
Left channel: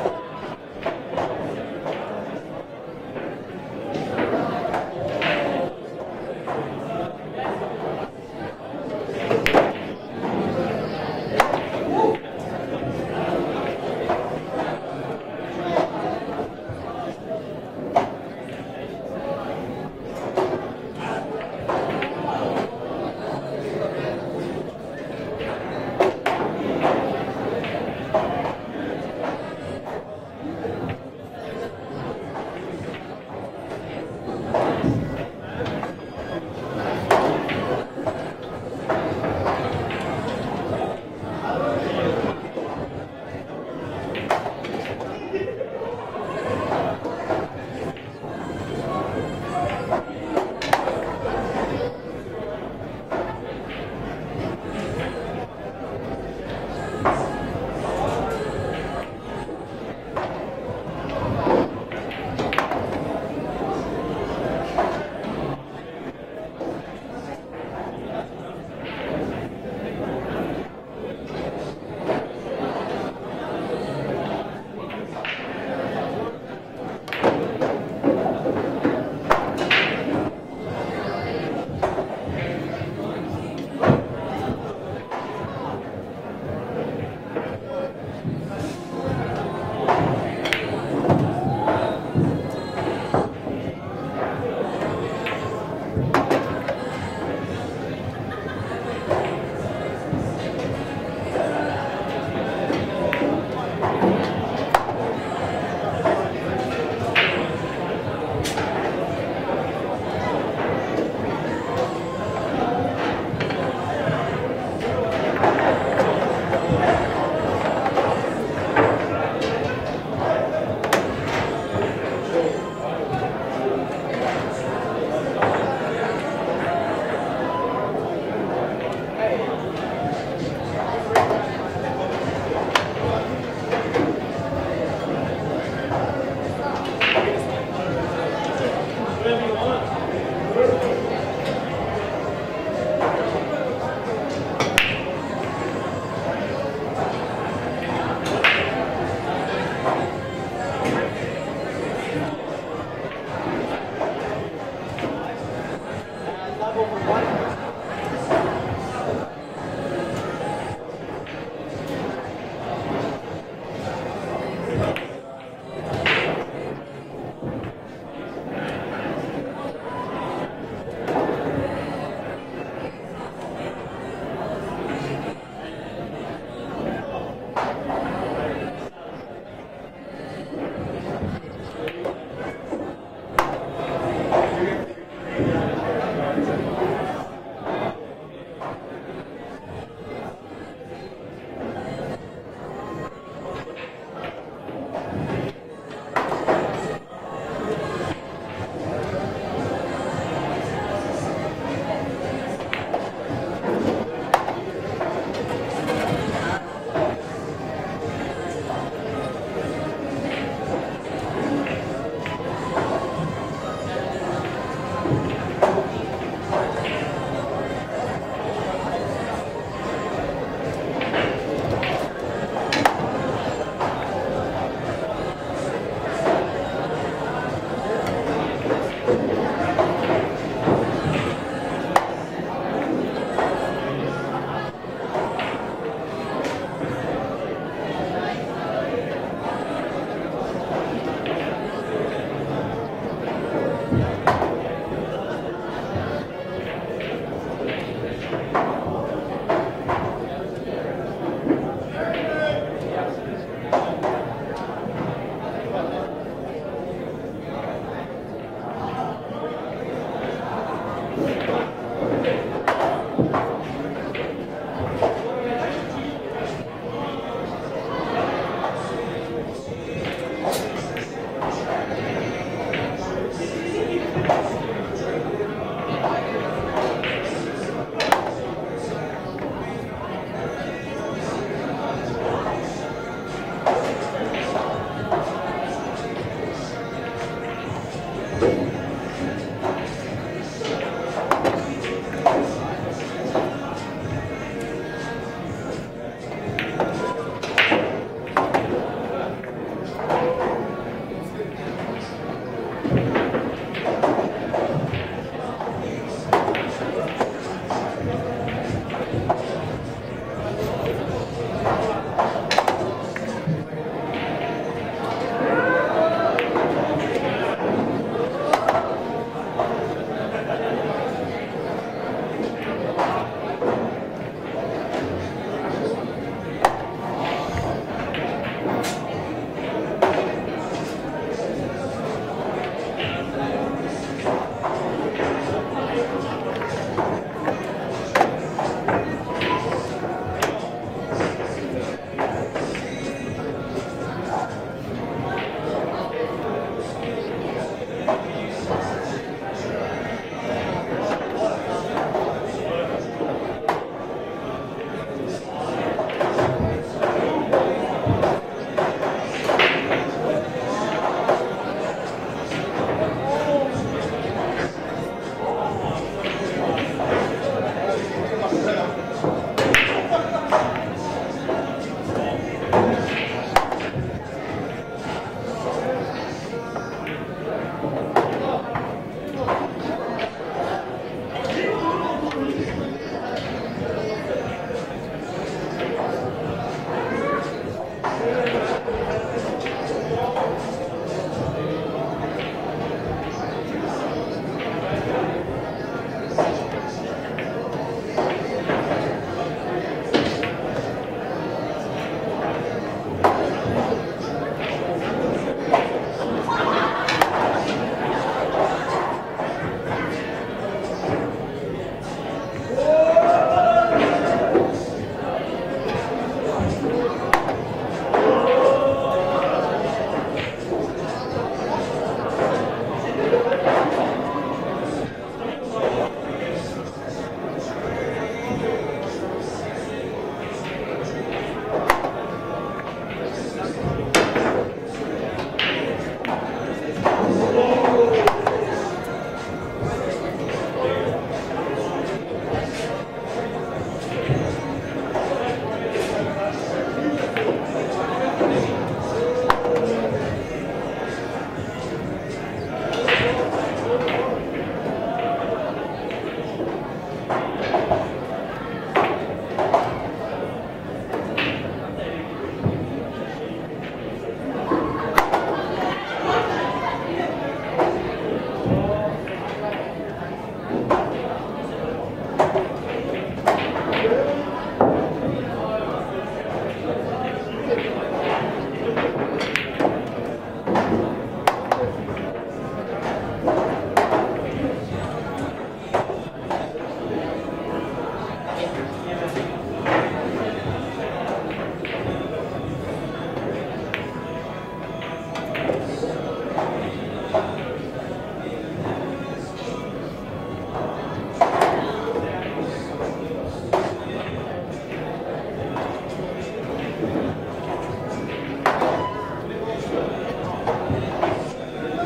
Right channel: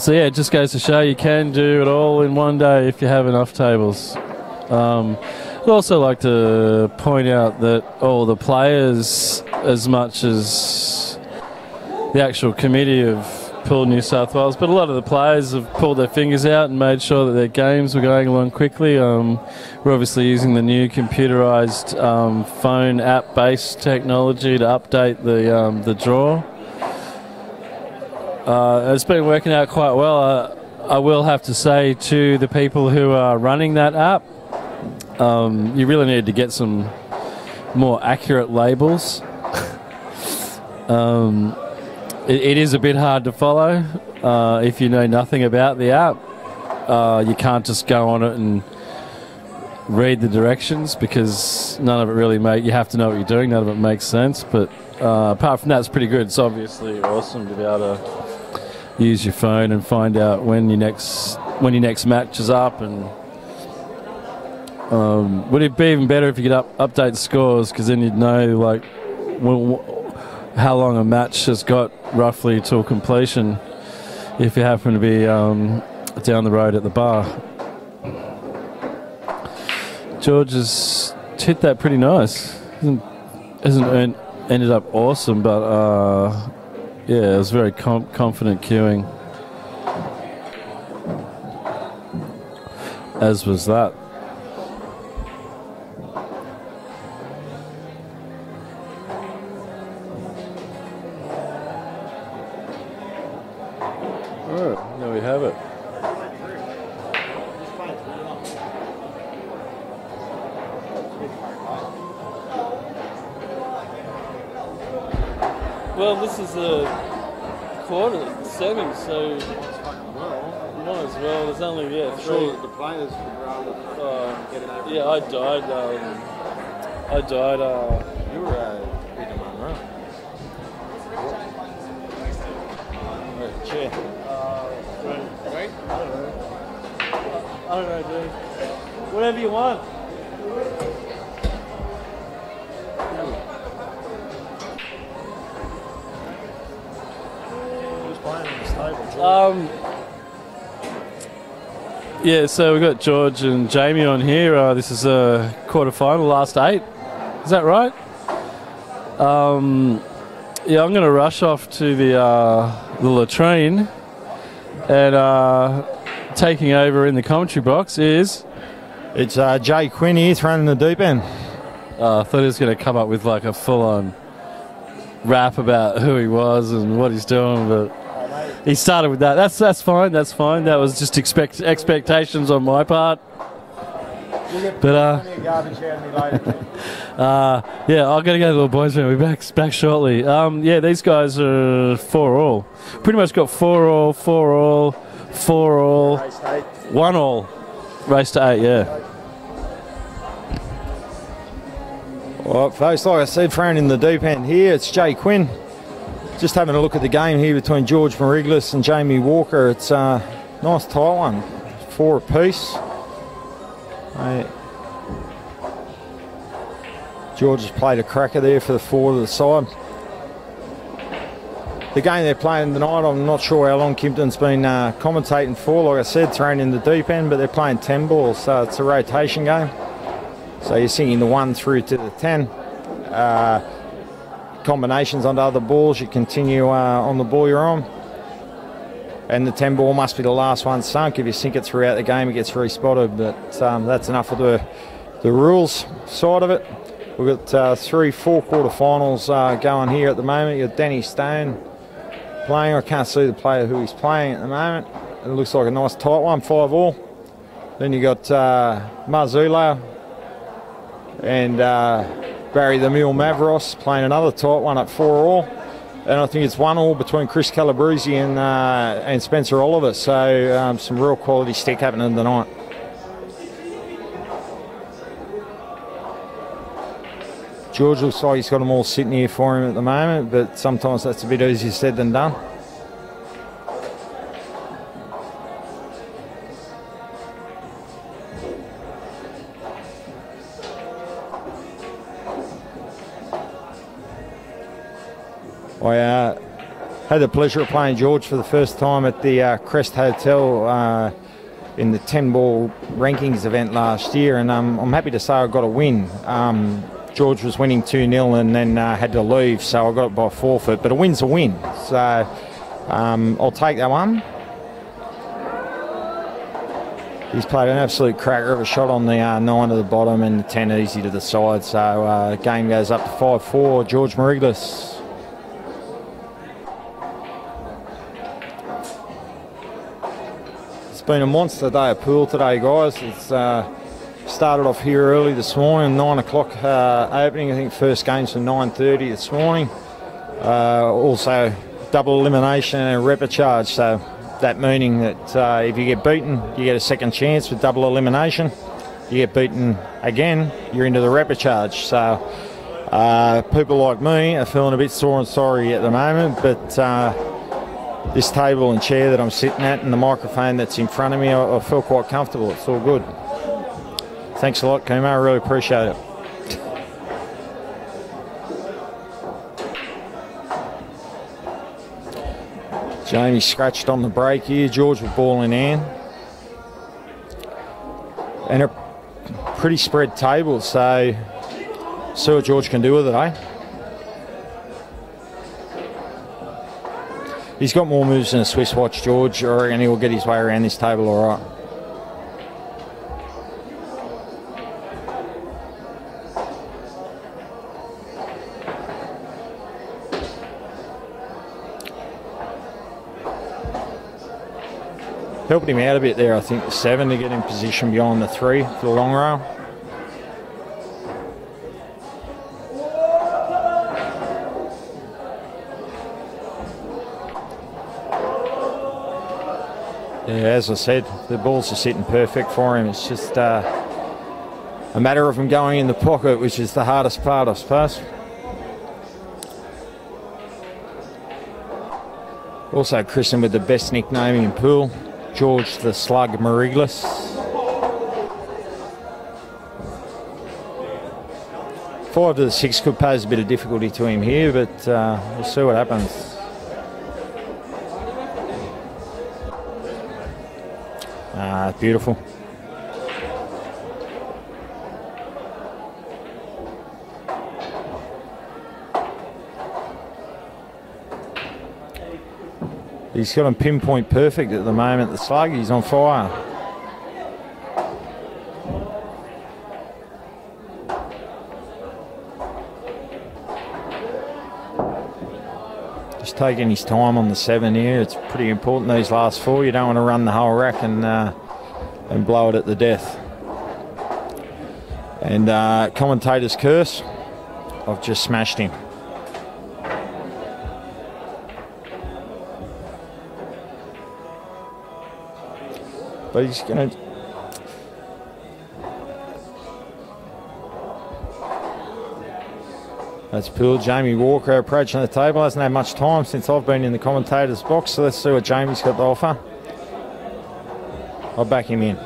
So yeah, it just goes to show you can do it all in one day if you have enough tables. I'd also like to point out that all the players, as much as the actual committee of Pool New South Wales, but a lot of the players have pulled their fingers out and made sure that their games were going along quickly. We're obviously using the new computerised phone app-based technology to update the draw. It's been working out quite well. I will have to say to the people who are running that app, you really need to get some more accurate labels. It is a bit hard to follow if you know nothing about the app. You can't just go on it and read the directions because none of it really you have to know what you're doing. None of it makes sense. But apart from that, it's pretty good. It's obviously awesome to be able to use your phone and find out when your next match is up. And would it be even better if you could update the scores, because then you'd know like how long a match has got roughly till completion if you happen to be down the road at the bar. George has hit that pretty nice. Hasn't ended up awesome, but yeah, it was very confident cueing, as was that. Yeah, so we've got George and Jamie on here. This is a quarterfinal, last 8. Is that right? Yeah, I'm going to rush off to the latrine, and taking over in the commentary box is... It's Jay Quinn here, thrown in the deep end. I thought he was going to come up with like a full-on rap about who he was and what he's doing, but he started with that. That's fine. That's fine. That was just expectations on my part. But yeah, I've got to go to the little boys' room. We'll be back shortly. Yeah, these guys are 4-all. Pretty much got 4-all, 4-all, 4-all, 1-all. Race to 8. Yeah. Well, folks, like I said, thrown in the deep end here, it's Jay Quinn. Just having a look at the game here between George Mariglis and Jamie Walker. It's a nice tight one, 4 apiece. George has played a cracker there for the forward of the side. The game they're playing tonight, I'm not sure how long Kimpton's been commentating for. Like I said, thrown in the deep end, but they're playing 10 balls, so it's a rotation game. So you're singing the 1 through to the 10. Combinations on the other balls, you continue on the ball you're on. And the 10 ball must be the last one sunk. If you sink it throughout the game, it gets respotted. But that's enough of the rules side of it. We've got 3-4 quarterfinals going here at the moment. You've got Danny Stone playing. I can't see the player who he's playing at the moment. It looks like a nice tight one, 5-all. Then you've got Marzullo and Barry the Mule Mavros playing another tight one at 4-all. And I think it's 1-all between Chris Calabrese and Spencer Oliver. So some real quality stick happening tonight. George looks like he's got them all sitting here for him at the moment, but sometimes that's a bit easier said than done. I had the pleasure of playing George for the first time at the Crest Hotel in the 10-ball rankings event last year, and I'm happy to say I got a win. George was winning 2-0 and then had to leave, so I got it by forfeit, but a win's a win, so I'll take that one. He's played an absolute cracker of a shot on the 9 to the bottom and the 10 easy to the side, so the game goes up to 5-4, George Mariglis. It's been a monster day at pool today, guys. It's started off here early this morning, 9 o'clock opening. I think first game's from 9:30 this morning. Also double elimination and repechage, so that meaning that if you get beaten, you get a second chance with double elimination. You get beaten again, you're into the repechage. So people like me are feeling a bit sore and sorry at the moment, but this table and chair that I'm sitting at and the microphone that's in front of me, I feel quite comfortable. It feels good. Thanks a lot, Kuma. I really appreciate it. Jamie scratched on the break here. George with ball in hand. And a pretty spread table, so see what George can do with it, eh? He's got more moves than a Swiss watch, George, and he will get his way around this table all right. Helped him out a bit there, I think, 7 to get in position beyond the 3 for a long rail. Yeah, as I said, the balls are sitting perfect for him. It's just a matter of him going in the pocket, which is the hardest part, I suppose. Also christened with the best nickname in the pool, George the Slug Mariglis. Forward to the 6 could pose a bit of difficulty to him here, but we'll see what happens. Beautiful. He's got him pinpoint perfect at the moment, the Slug. He's on fire. Just taking his time on the 7 here. It's pretty important, these last 4. You don't want to run the whole rack and blow it at the death. And commentator's curse, I've just smashed him. But he's going to... That's Pool. Jamie Walker approaching the table. Hasn't had much time since I've been in the commentator's box, so let's see what Jamie's got to offer. I'll back him in.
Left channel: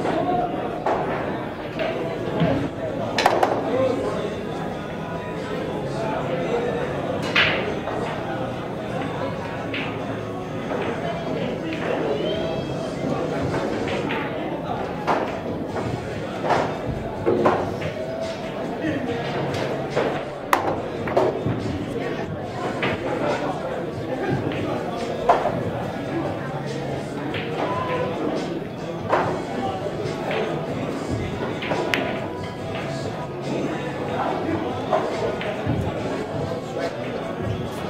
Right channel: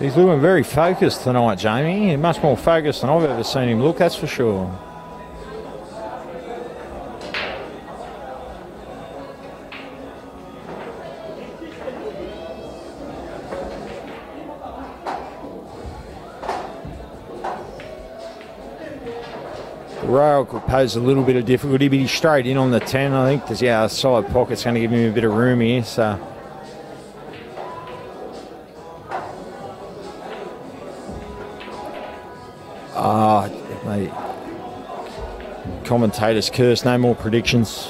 He's looking very focused tonight, Jamie. He's much more focused than I've ever seen him look, that's for sure. Rail could pose a little bit of difficulty, but he's straight in on the 10, I think, because yeah, a solid pocket's going to give him a bit of room here. So commentator's curse, no more predictions.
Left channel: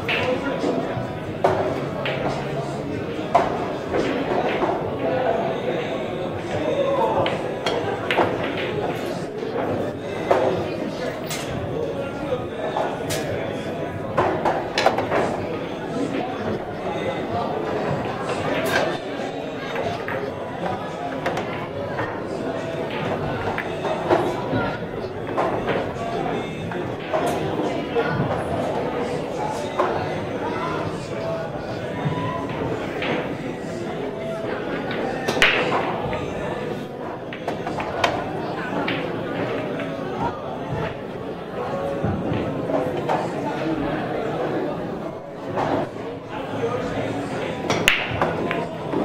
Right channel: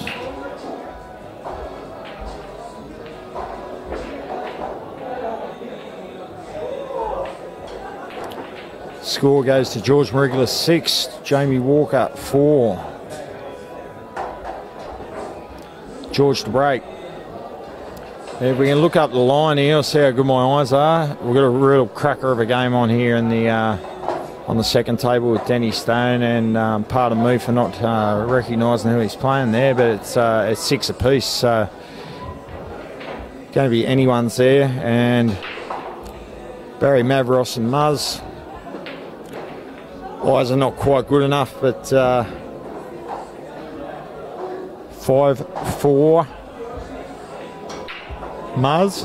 Score goes to George Mariglis 6, Jamie Walker 4. George to break. If we can look up the line here, I'll see how good my eyes are. We've got a real cracker of a game on here in the on the second table with Danny Stone, and pardon me for not recognising who he's playing there, but it's 6 apiece, so going to be anyone's there. And Barry Mavros and Muzz. Eyes are not quite good enough, but 5-4 Muzz.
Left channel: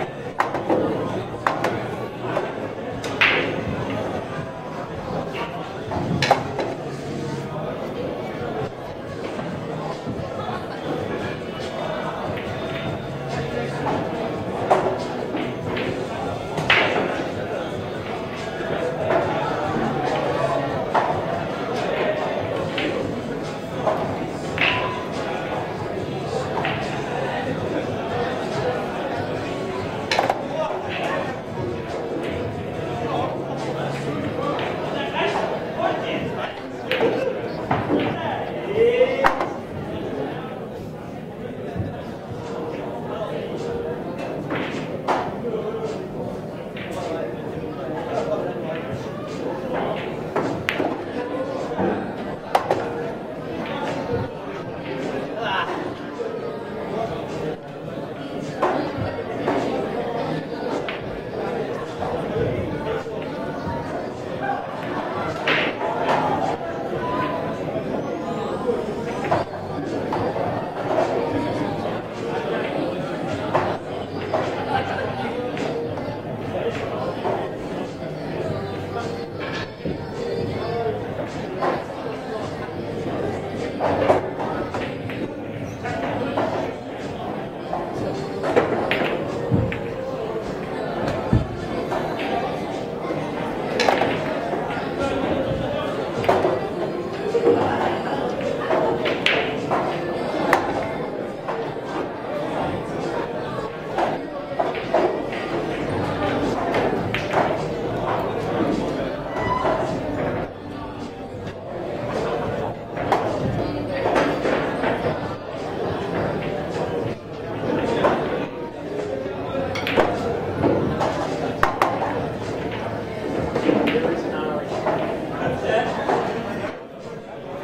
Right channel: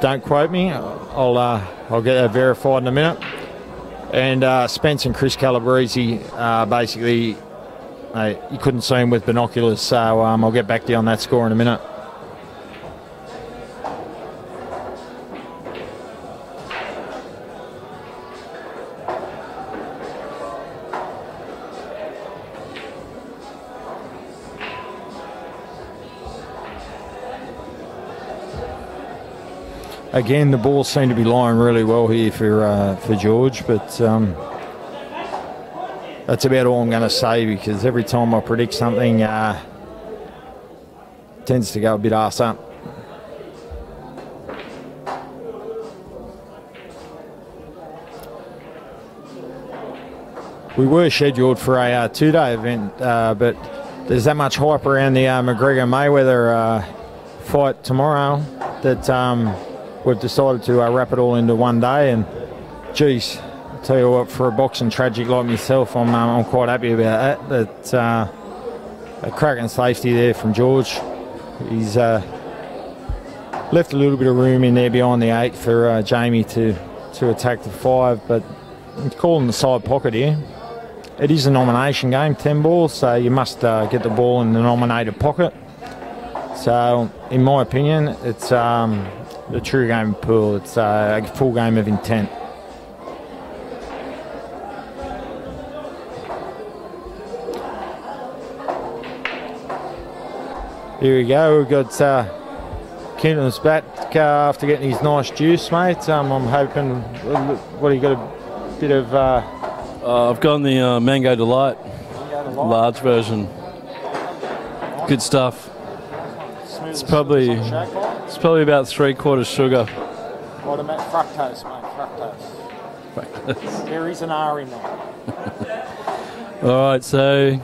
Don't quote me. I'll get that verified in a minute. And Spence and Chris Calabrese, basically, you couldn't see him with binoculars, so I'll get back to you on that score in a minute. Again, the balls seem to be lying really well here for George, but that's about all I'm going to say, because every time I predict something, it tends to go a bit arse up. we were scheduled for a two-day event, but there's that much hype around the McGregor-Mayweather fight tomorrow that we've decided to wrap it all into one day. And geez, tell you what, for a boxing tragic like myself, I'm quite happy about that. That a cracking safety there from George. He's left a little bit of room in there behind the 8 for Jamie to attack the 5, but it's calling the side pocket here. It is a nomination game, 10 balls, so you must get the ball in the nominated pocket. So, in my opinion, it's the true game of pool. It's a full game of intent. Here we go. We've got Keenan's back after getting his nice juice, mate. I'm hoping. What do you got? A bit of. I've gone the Mango Delight large version. Good stuff. It's probably about 3/4 sugar. There is an R in it. All right, so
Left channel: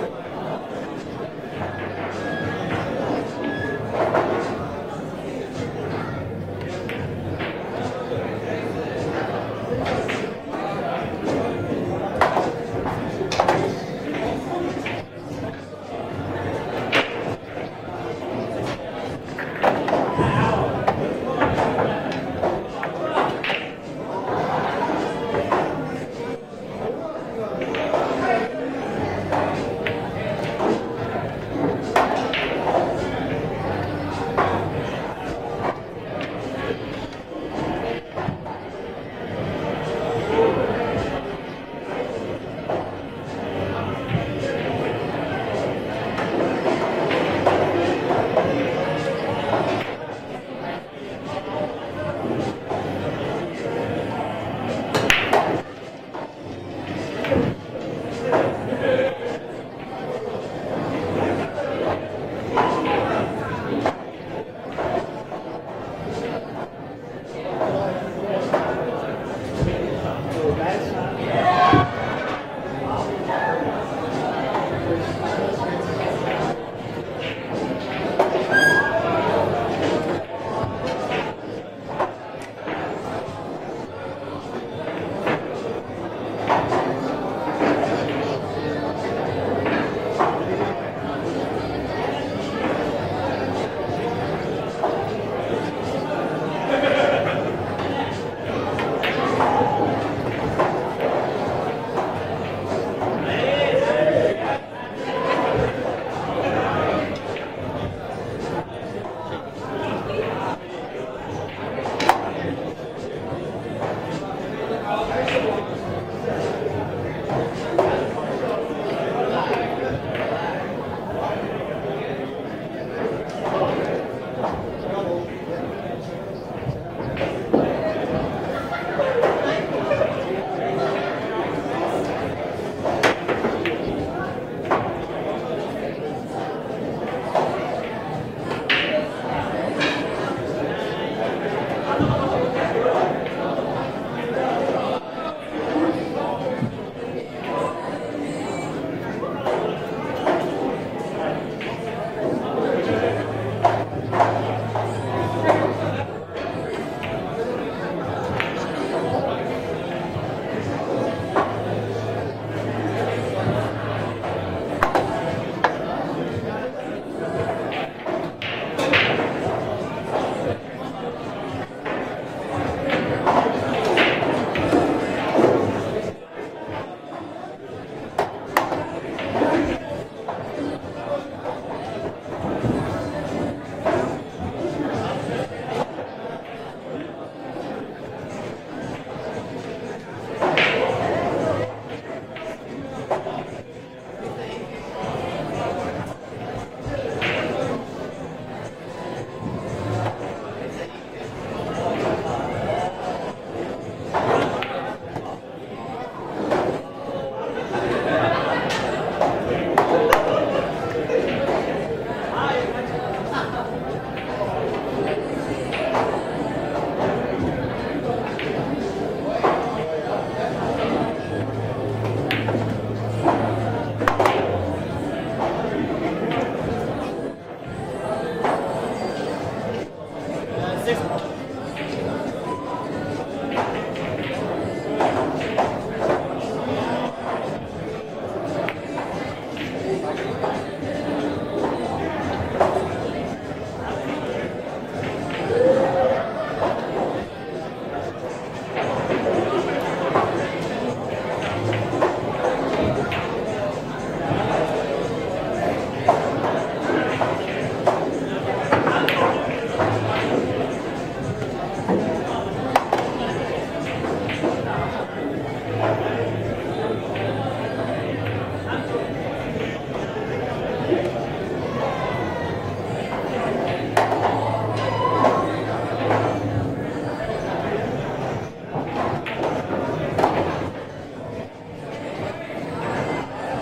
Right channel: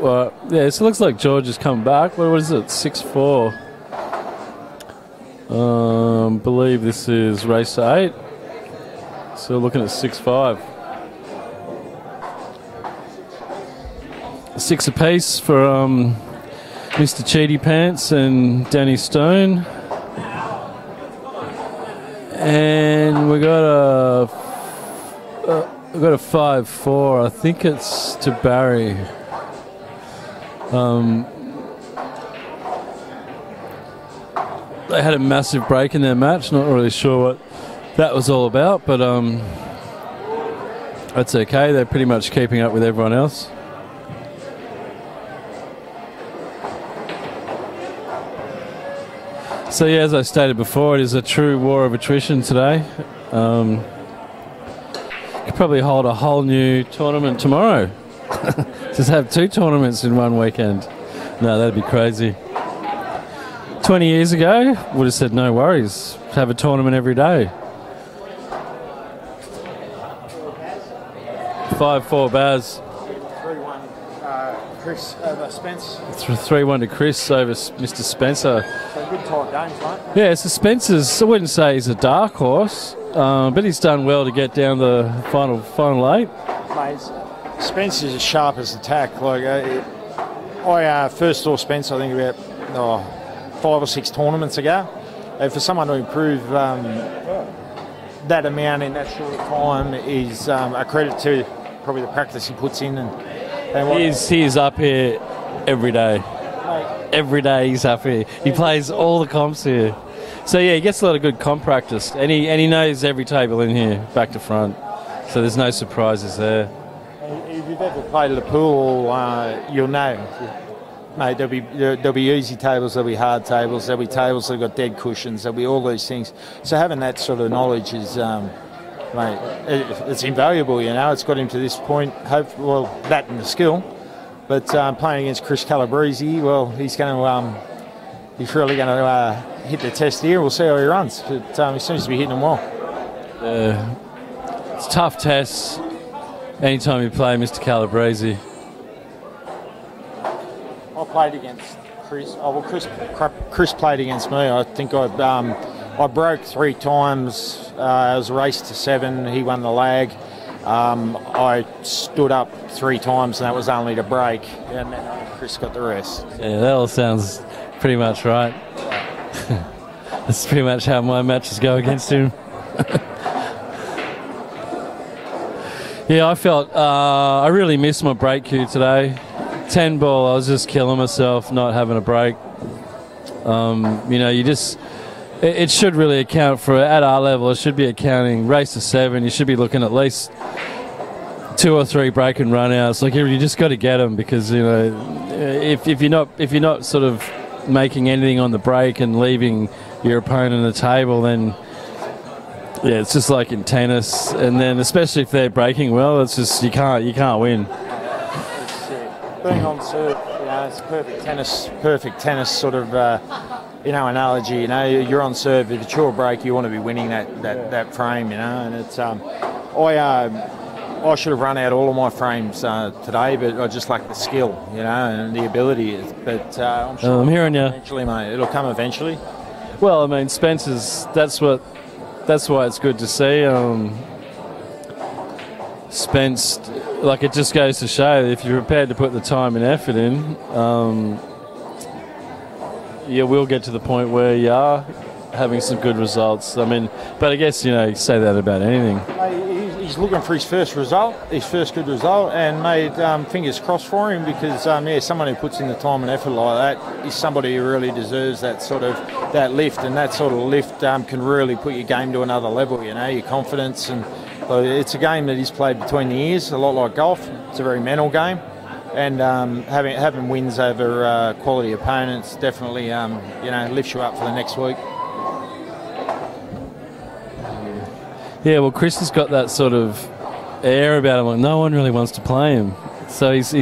well, yeah, so it looks like George has come back. What is it? 6-4. Believe this is race 8. So we're looking at 6-5. 6 apiece for Mr. Cheaty Pants and Danny Stone. And we got a 5-4. I think it's to Barry. They had a massive break in their match. Not really sure what that was all about, but that's okay. They're pretty much keeping up with everyone else. So yeah, as I stated before, it is a true war of attrition today. Could probably hold a whole new tournament tomorrow. Just have 2 tournaments in one weekend. No, that'd be crazy. 20 years ago, would have said no worries. Have a tournament every day. 5-4 Baz. 3-1 to Chris over Mr. Spencer. Yeah, so Spencer's, I wouldn't say he's a dark horse, but he's done well to get down the final 8. Spencer's the sharpest attack. Like I first saw Spencer, I think about 5 or 6 tournaments ago. And for someone to improve that amount in that time is a credit to probably the practice he puts in. He is up here every day. Every day he's up here. He plays all the comps here. So yeah, he gets a lot of good comp practice, and he knows every table in here, back to front. So there's no surprises there. Play to the pool, you'll know. Mate, there'll be easy tables, there'll be hard tables, there'll be tables that have got dead cushions, there'll be all these things. So having that sort of knowledge is, mate, it's invaluable. You know, it's got him to this point. Well, that and the skill. But playing against Chris Calabrese, well, he's really going to hit the test here. We'll see how he runs. It seems to be hitting them well. It's a tough test anytime you play Mr. Calabrese. I played against Chris. Chris played against me. I think I broke 3 times. It was a race to 7. He won the lag. I stood up 3 times, and that was only to break. And Chris got the rest. Yeah, that all sounds pretty much right. That's pretty much how my matches go against him. Yeah, I felt I really missed my break cue today. 10 ball, I was just killing myself not having a break. You know, it should really account for, at our level, it should be accounting race to 7. You should be looking at least 2 or 3 break and run outs. Like, you just got to get them, because, you know, if you're not sort of making anything on the break and leaving your opponent at the table, then yeah, it's just like in tennis. And then especially if they're breaking well, it's just you can't win. Being obviously, it's perfect tennis sort of analogy. You're on serve, but short break, you want to be winning that frame. And it's, I should have run out all of my frames today, but I just lack the skill, and the ability. But I'm hearing you. Eventually, mate, it'll come eventually. Well, I mean, Spencer's. That's why it's good to see. Spence, like, it just goes to show that if you're prepared to put the time and effort in, you will get to the point where you are having some good results. I mean, but I guess, you say that about anything. He's looking for his first good result, and made fingers crossed for him, because someone who puts in the time and effort like that is somebody who really deserves that sort of lift, and that sort of lift can really put your game to another level. Your confidence, and it's a game that he's played between the ears, a lot like golf. It's a very mental game, and having wins over quality opponents definitely lifts you up for the next week. Yeah, well, Chris has got that sort of air about him. Like, no one really wants to play him. So he's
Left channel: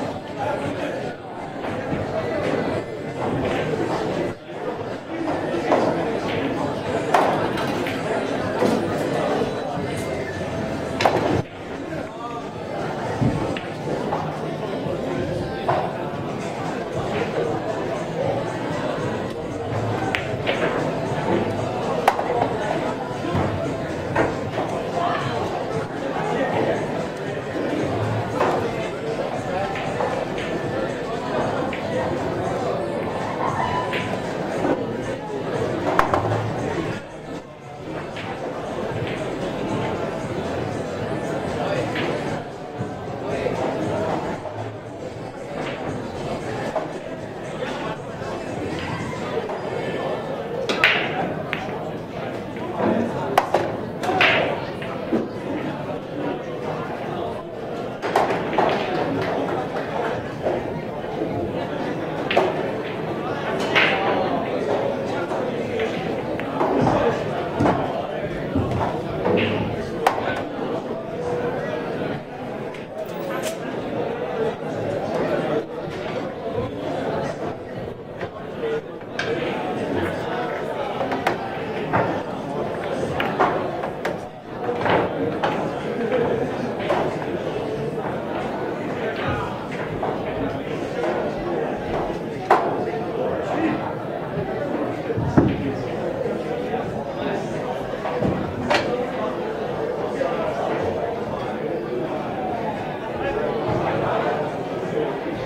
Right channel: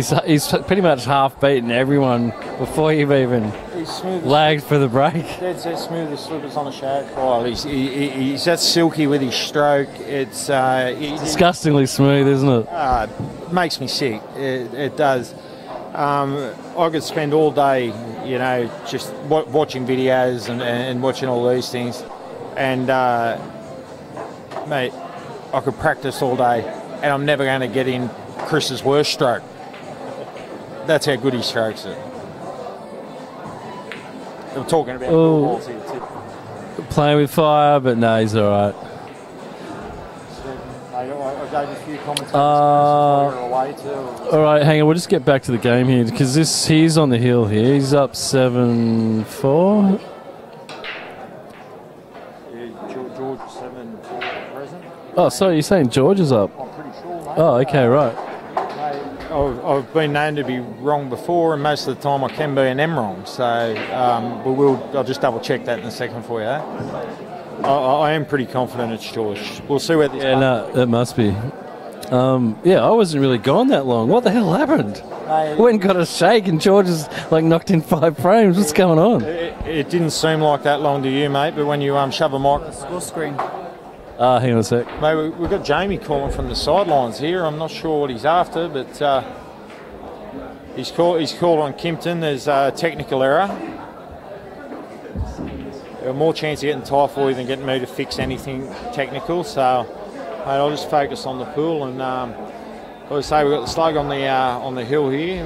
pretty much half beaten everyone before you've even lagged for the break. He's that silky with his stroke. It's disgustingly smooth, isn't it? It makes me sick. It does. I could spend all day, just watching videos and watching all these things, and mate, I could practice all day, and I'm never going to get in Chris's worst stroke. That's how good his strokes are. I'm talking about playing with fire, but no, he's all right. All right, hang on. We'll just get back to the game here, because he's on the hill here. He's up 7-4. Oh, sorry, you're saying George is up? Oh, okay, right. I've been known to be wrong before, and most of the time I can be an M wrong. So I'll just double check that in a second for you. I am pretty confident it's George. We'll see where this goes. No, it must be. I wasn't really gone that long. What the hell happened? I went and got a shake, and George is like knocked in 5 frames. What's going on? It didn't seem like that long to you, mate, but when you shove a mic. Hang on a sec. We've got Jamie calling from the sidelines here. I'm not sure what he's after, but he's called on Kimpton. There's a technical error. More chance of getting typhoid than getting me to fix anything technical, so I'll just focus on the pool. And like I say, we've got the slug on the hill here.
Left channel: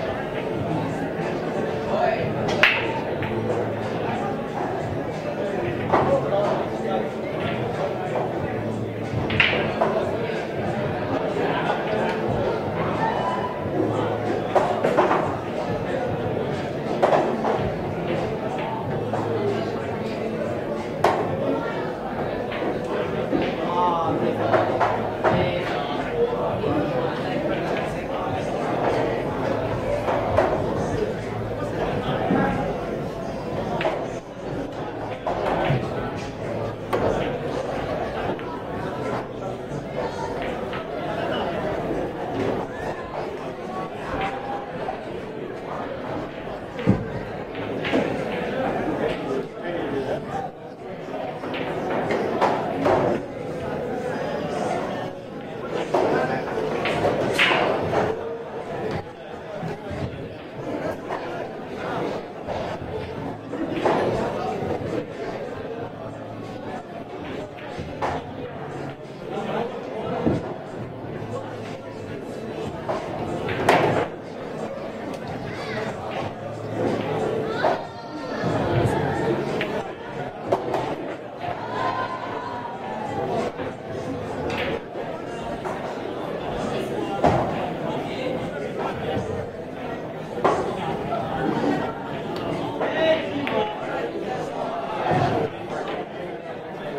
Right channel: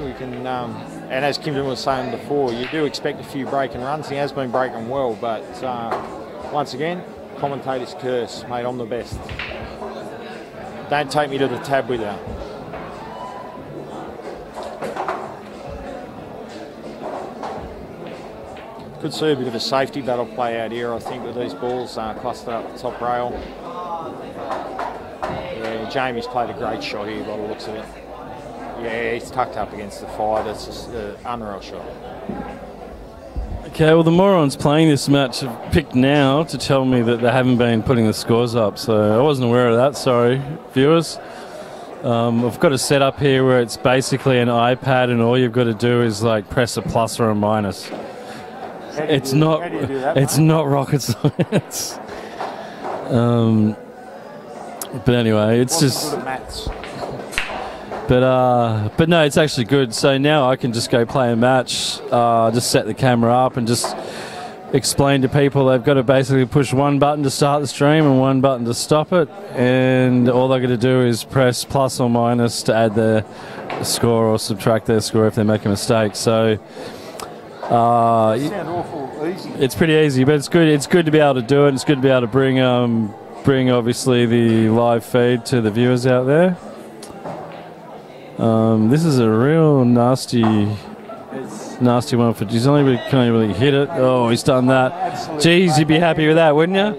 And as Kimpton was saying before, you do expect a few breaking runs. He has been breaking well, but once again, commentator's curse, mate, I'm the best. Don't take me to the tab with that. Could see a bit of a safety battle play out here, I think, with these balls clustered up the top rail. Jamie's played a great shot here. Yeah, he's tucked up against the fire. That's just the unreal shot. Okay, well, the morons playing this match have picked now to tell me that they haven't been putting the scores up, so I wasn't aware of that. Sorry, viewers. I've got a setup here where it's basically an iPad, and all you've got to do is like press a plus or a minus. It's not rocket science. But anyway, it's just. But no, it's actually good. So now I can just go play a match, just set the camera up and just explain to people they've got to basically push one button to start the stream and one button to stop it, and all they've got to do is press plus or minus to add their score or subtract their score if they make a mistake. So it's pretty easy, but it's good. It's good to be able to do it. It's good to be able to bring obviously the live feed to the viewers out there. This is a real nasty one for. He's only can't really hit it. Oh, he's done that. Geez, you'd be happy with that, wouldn't you?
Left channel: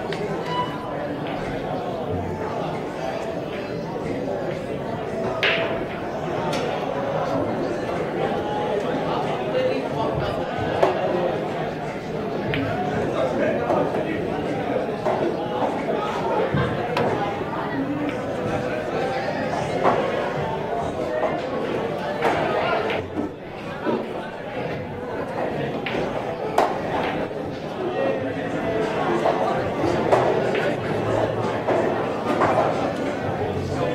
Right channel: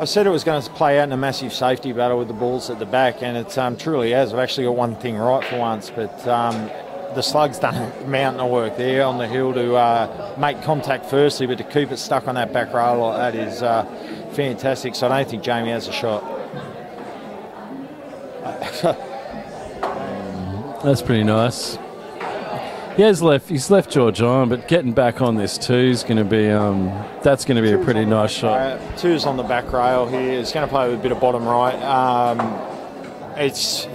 I said it was going to play out in a massive safety battle with the balls at the back, and it truly has. I've actually got one thing right for once, but the slug's done a mountain of work there on the hill to make contact firstly, but to keep it stuck on that back rail like that is fantastic. So I don't think Jamie has a shot. That's pretty nice. He's left George on, but getting back on this too is going to be that's going to be a pretty nice shot. Two's on the back rail here. It's going to play with a bit of bottom right. It's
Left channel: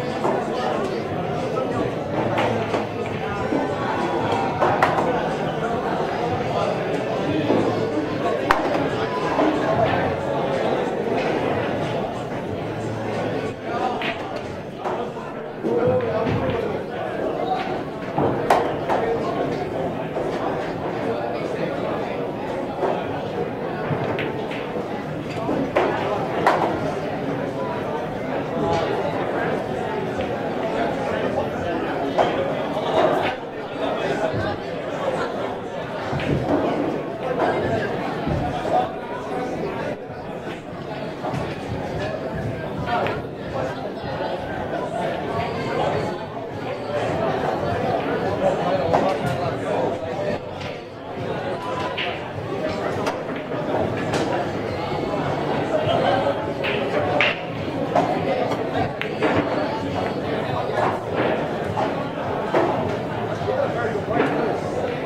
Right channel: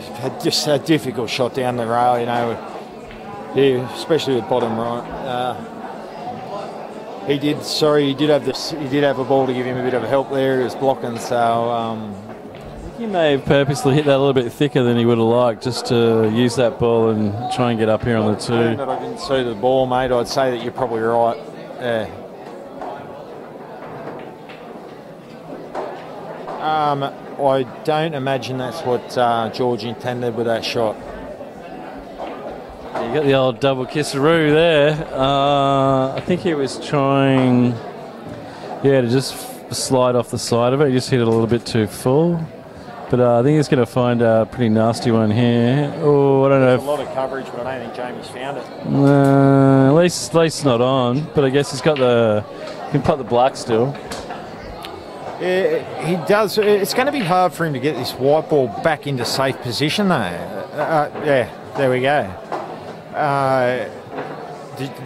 just a difficult shot down the rail, you know, especially with bottom right. He did have the ball to give him a bit of help there. He's blocking, so. He may have purposely hit that a little bit thicker than he would have liked, just to use that ball and try and get up here on the 2. See the ball, mate. I'd say that you're probably right. Yeah. I don't imagine that's what George intended with that shot. Get the old double kisseroo there. I think he was trying, to just slide off the side of it. He just hit it a little bit too full. But I think he's going to find a pretty nasty one here. Oh, I don't know. At least not on. But I guess he's got he can put the black still. Yeah, he does. It's going to be hard for him to get this white ball back into safe position, though. Yeah, there we go.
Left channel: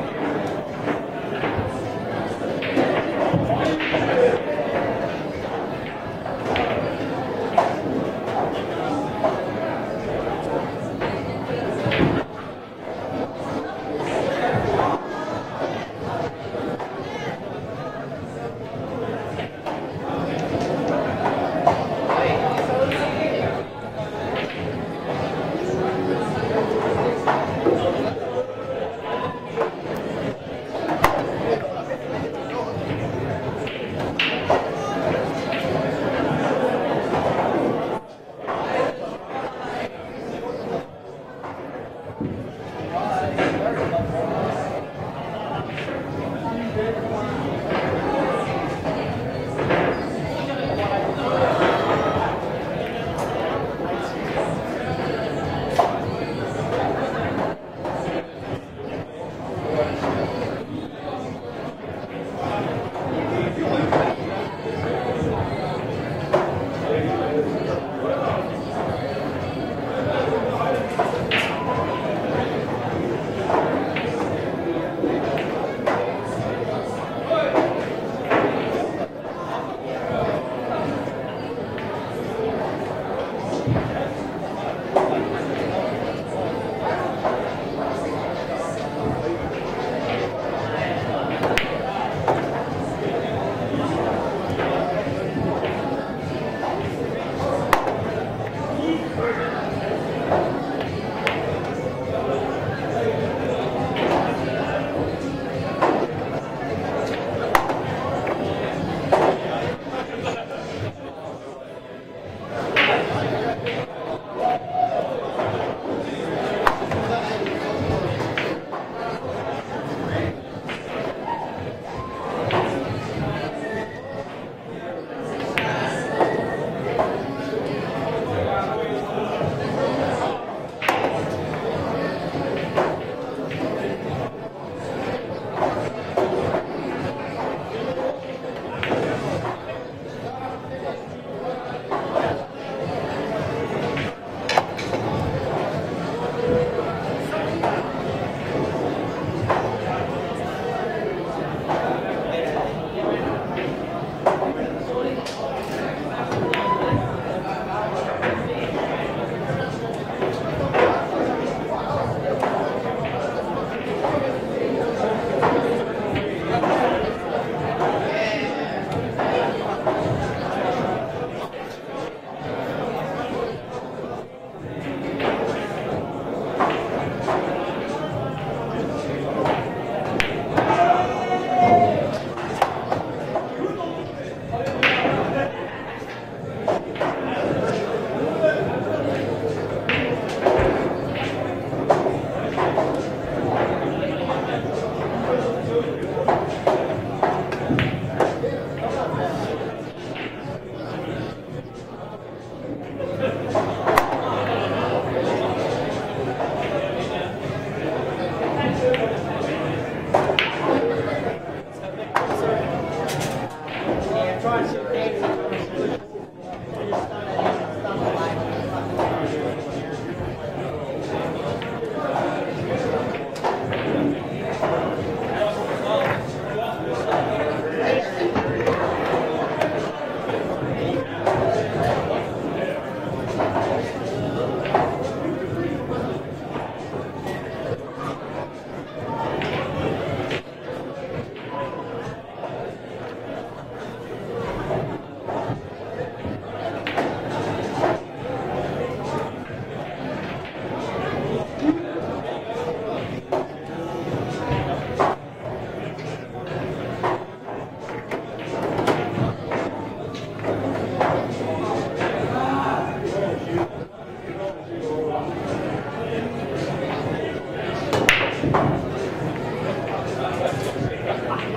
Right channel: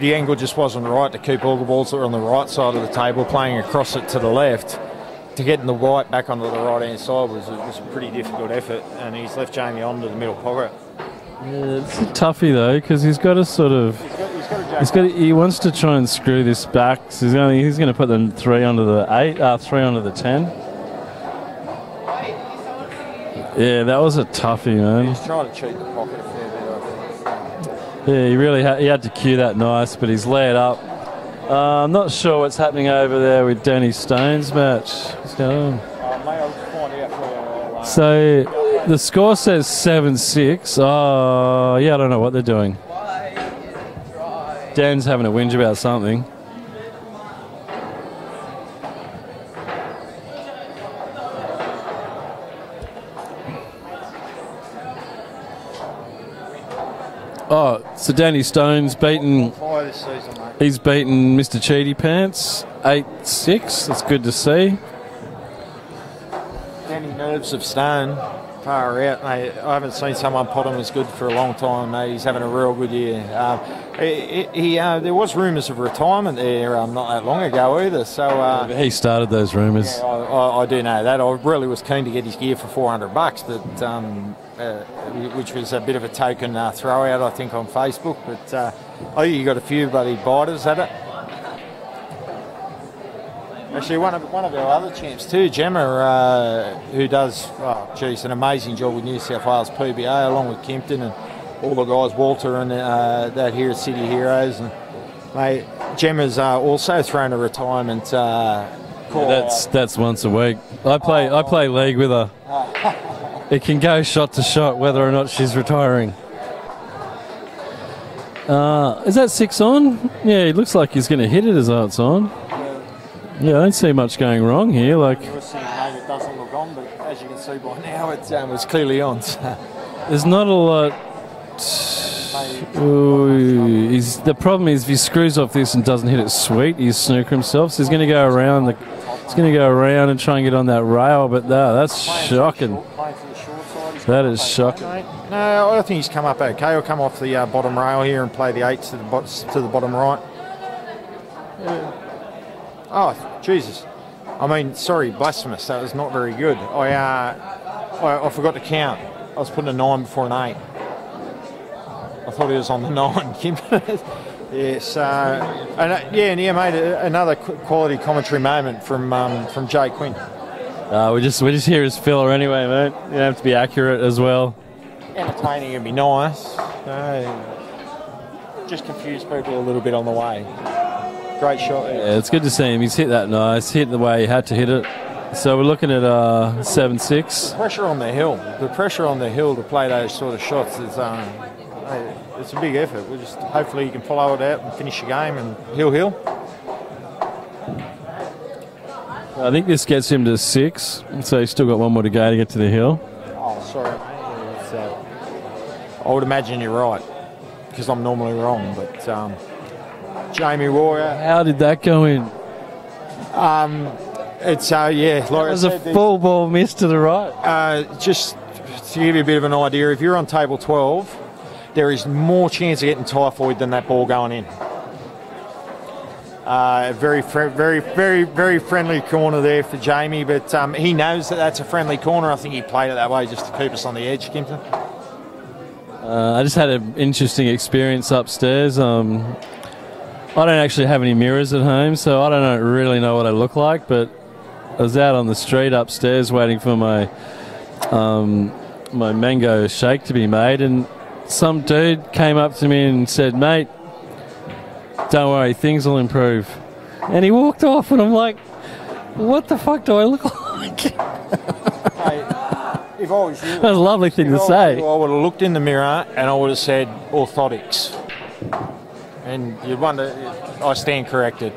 The angle just wasn't right to keep all the balls that were on the right side of the table playing across it to the left. To get the white back onto the right-hand side was a pretty difficult effort, and he's left Jamie on to the middle pocket. It's a toughie, though, because he's got to sort of... He wants to try and screw this back. So he's going to put the 3 under the 3 under the 10. Yeah, that was a toughie, man. He's trying to cheat the pocket. Yeah, he really had to cue that nice, but he's laid up. I'm not sure what's happening over there with Danny Stone's match. So the score says 7-6. Oh, yeah, I don't know what they're doing. Dan's having a whinge about something. Oh, so Danny Stone's beaten... He's beaten Mr. Cheaty Pants 8-6. It's good to see. Nerves of Stone. Far out, mate. I haven't seen someone pot him as good for a long time, mate. He's having a real good year. There was rumours of retirement there not that long ago either. So he started those rumours. I do know that. I really was keen to get his gear for $400, but which was a bit of a token throw out, I think, on Facebook. But I think you got a few bloody biters at it. Actually, one of the other champs too, Gemma, who does, an amazing job with New South Wales PBA, along with Kimpton and all the guys, Walter and that here at City Heroes. And, mate, Gemma's also thrown a retirement. That's once a week. I play league with her. It can go shot to shot whether or not she's retiring. Is that 6 on? Yeah, it looks like he's going to hit it as though it's on. Yeah, I don't see much going wrong here. It's clearly on. There's not a lot. The problem is if he screws off this and doesn't hit it sweet, he's snooker himself. So he's going to go around. He's going to go around and try and get on that rail. But that's shocking. That is shocking. I think he's come up okay. He'll come off the bottom rail here and play the 8 to the bottom right. Oh, Jesus. I mean, sorry, blasphemous. That was not very good. I forgot to count. I was putting a 9 before an 8. I thought he was on the 9. Yes. Mate, another quality commentary moment from Jake Quinn. We just hear his filler anyway, mate. You have to be accurate as well. Entertaining would be nice. Just confuse people a little bit on the way. Great shot. Yeah, it's good to see him. He's hit that nice. Hit the way he had to hit it. So we're looking at 7-6. Pressure on the hill. The pressure on the hill to play those sort of shots is it's a big effort. Hopefully you can follow it out and finish your game and hill. I think this gets him to 6, so he's still got one more to go to get to the hill. Oh, sorry. I would imagine you're right, because I'm normally wrong. It's, Jamie Royer. How did that go in? It's like it was a full ball miss to the right. Just to give you a bit of an idea, if you're on table 12 there is more chance of getting typhoid than that ball going in. Very friendly corner there for Jamie, but he knows that that's a friendly corner. I think he played it that way just to keep us on the edge, Kimpton. I just had an interesting experience upstairs. I don't actually have any mirrors at home, so I don't really know what I look like, but I was out on the street upstairs waiting for my my mango shake to be made, and some dude came up to me and said, "Mate, don't worry, things will improve." And he walked off, and I'm like, what the fuck do I look like? That was a lovely thing to say. I would have looked in the mirror and I would have said orthotics. And I stand corrected.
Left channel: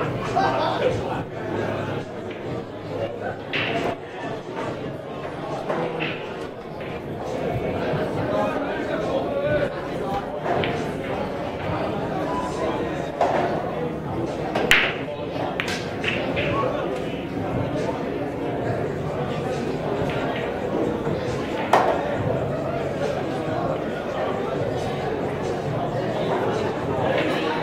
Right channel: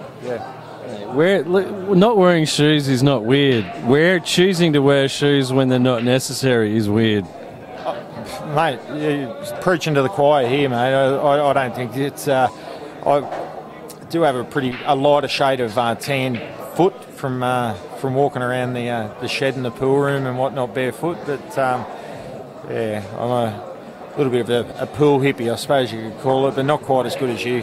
Not wearing shoes is not weird. Choosing to wear shoes when they're not necessary is weird. Mate, you're preaching to the choir here, mate. I don't think it's... I do have a lighter shade of tan foot from walking around the shed in the pool room and whatnot barefoot, but yeah, I'm a little bit of a pool hippie, I suppose you could call it, but not quite as good as you.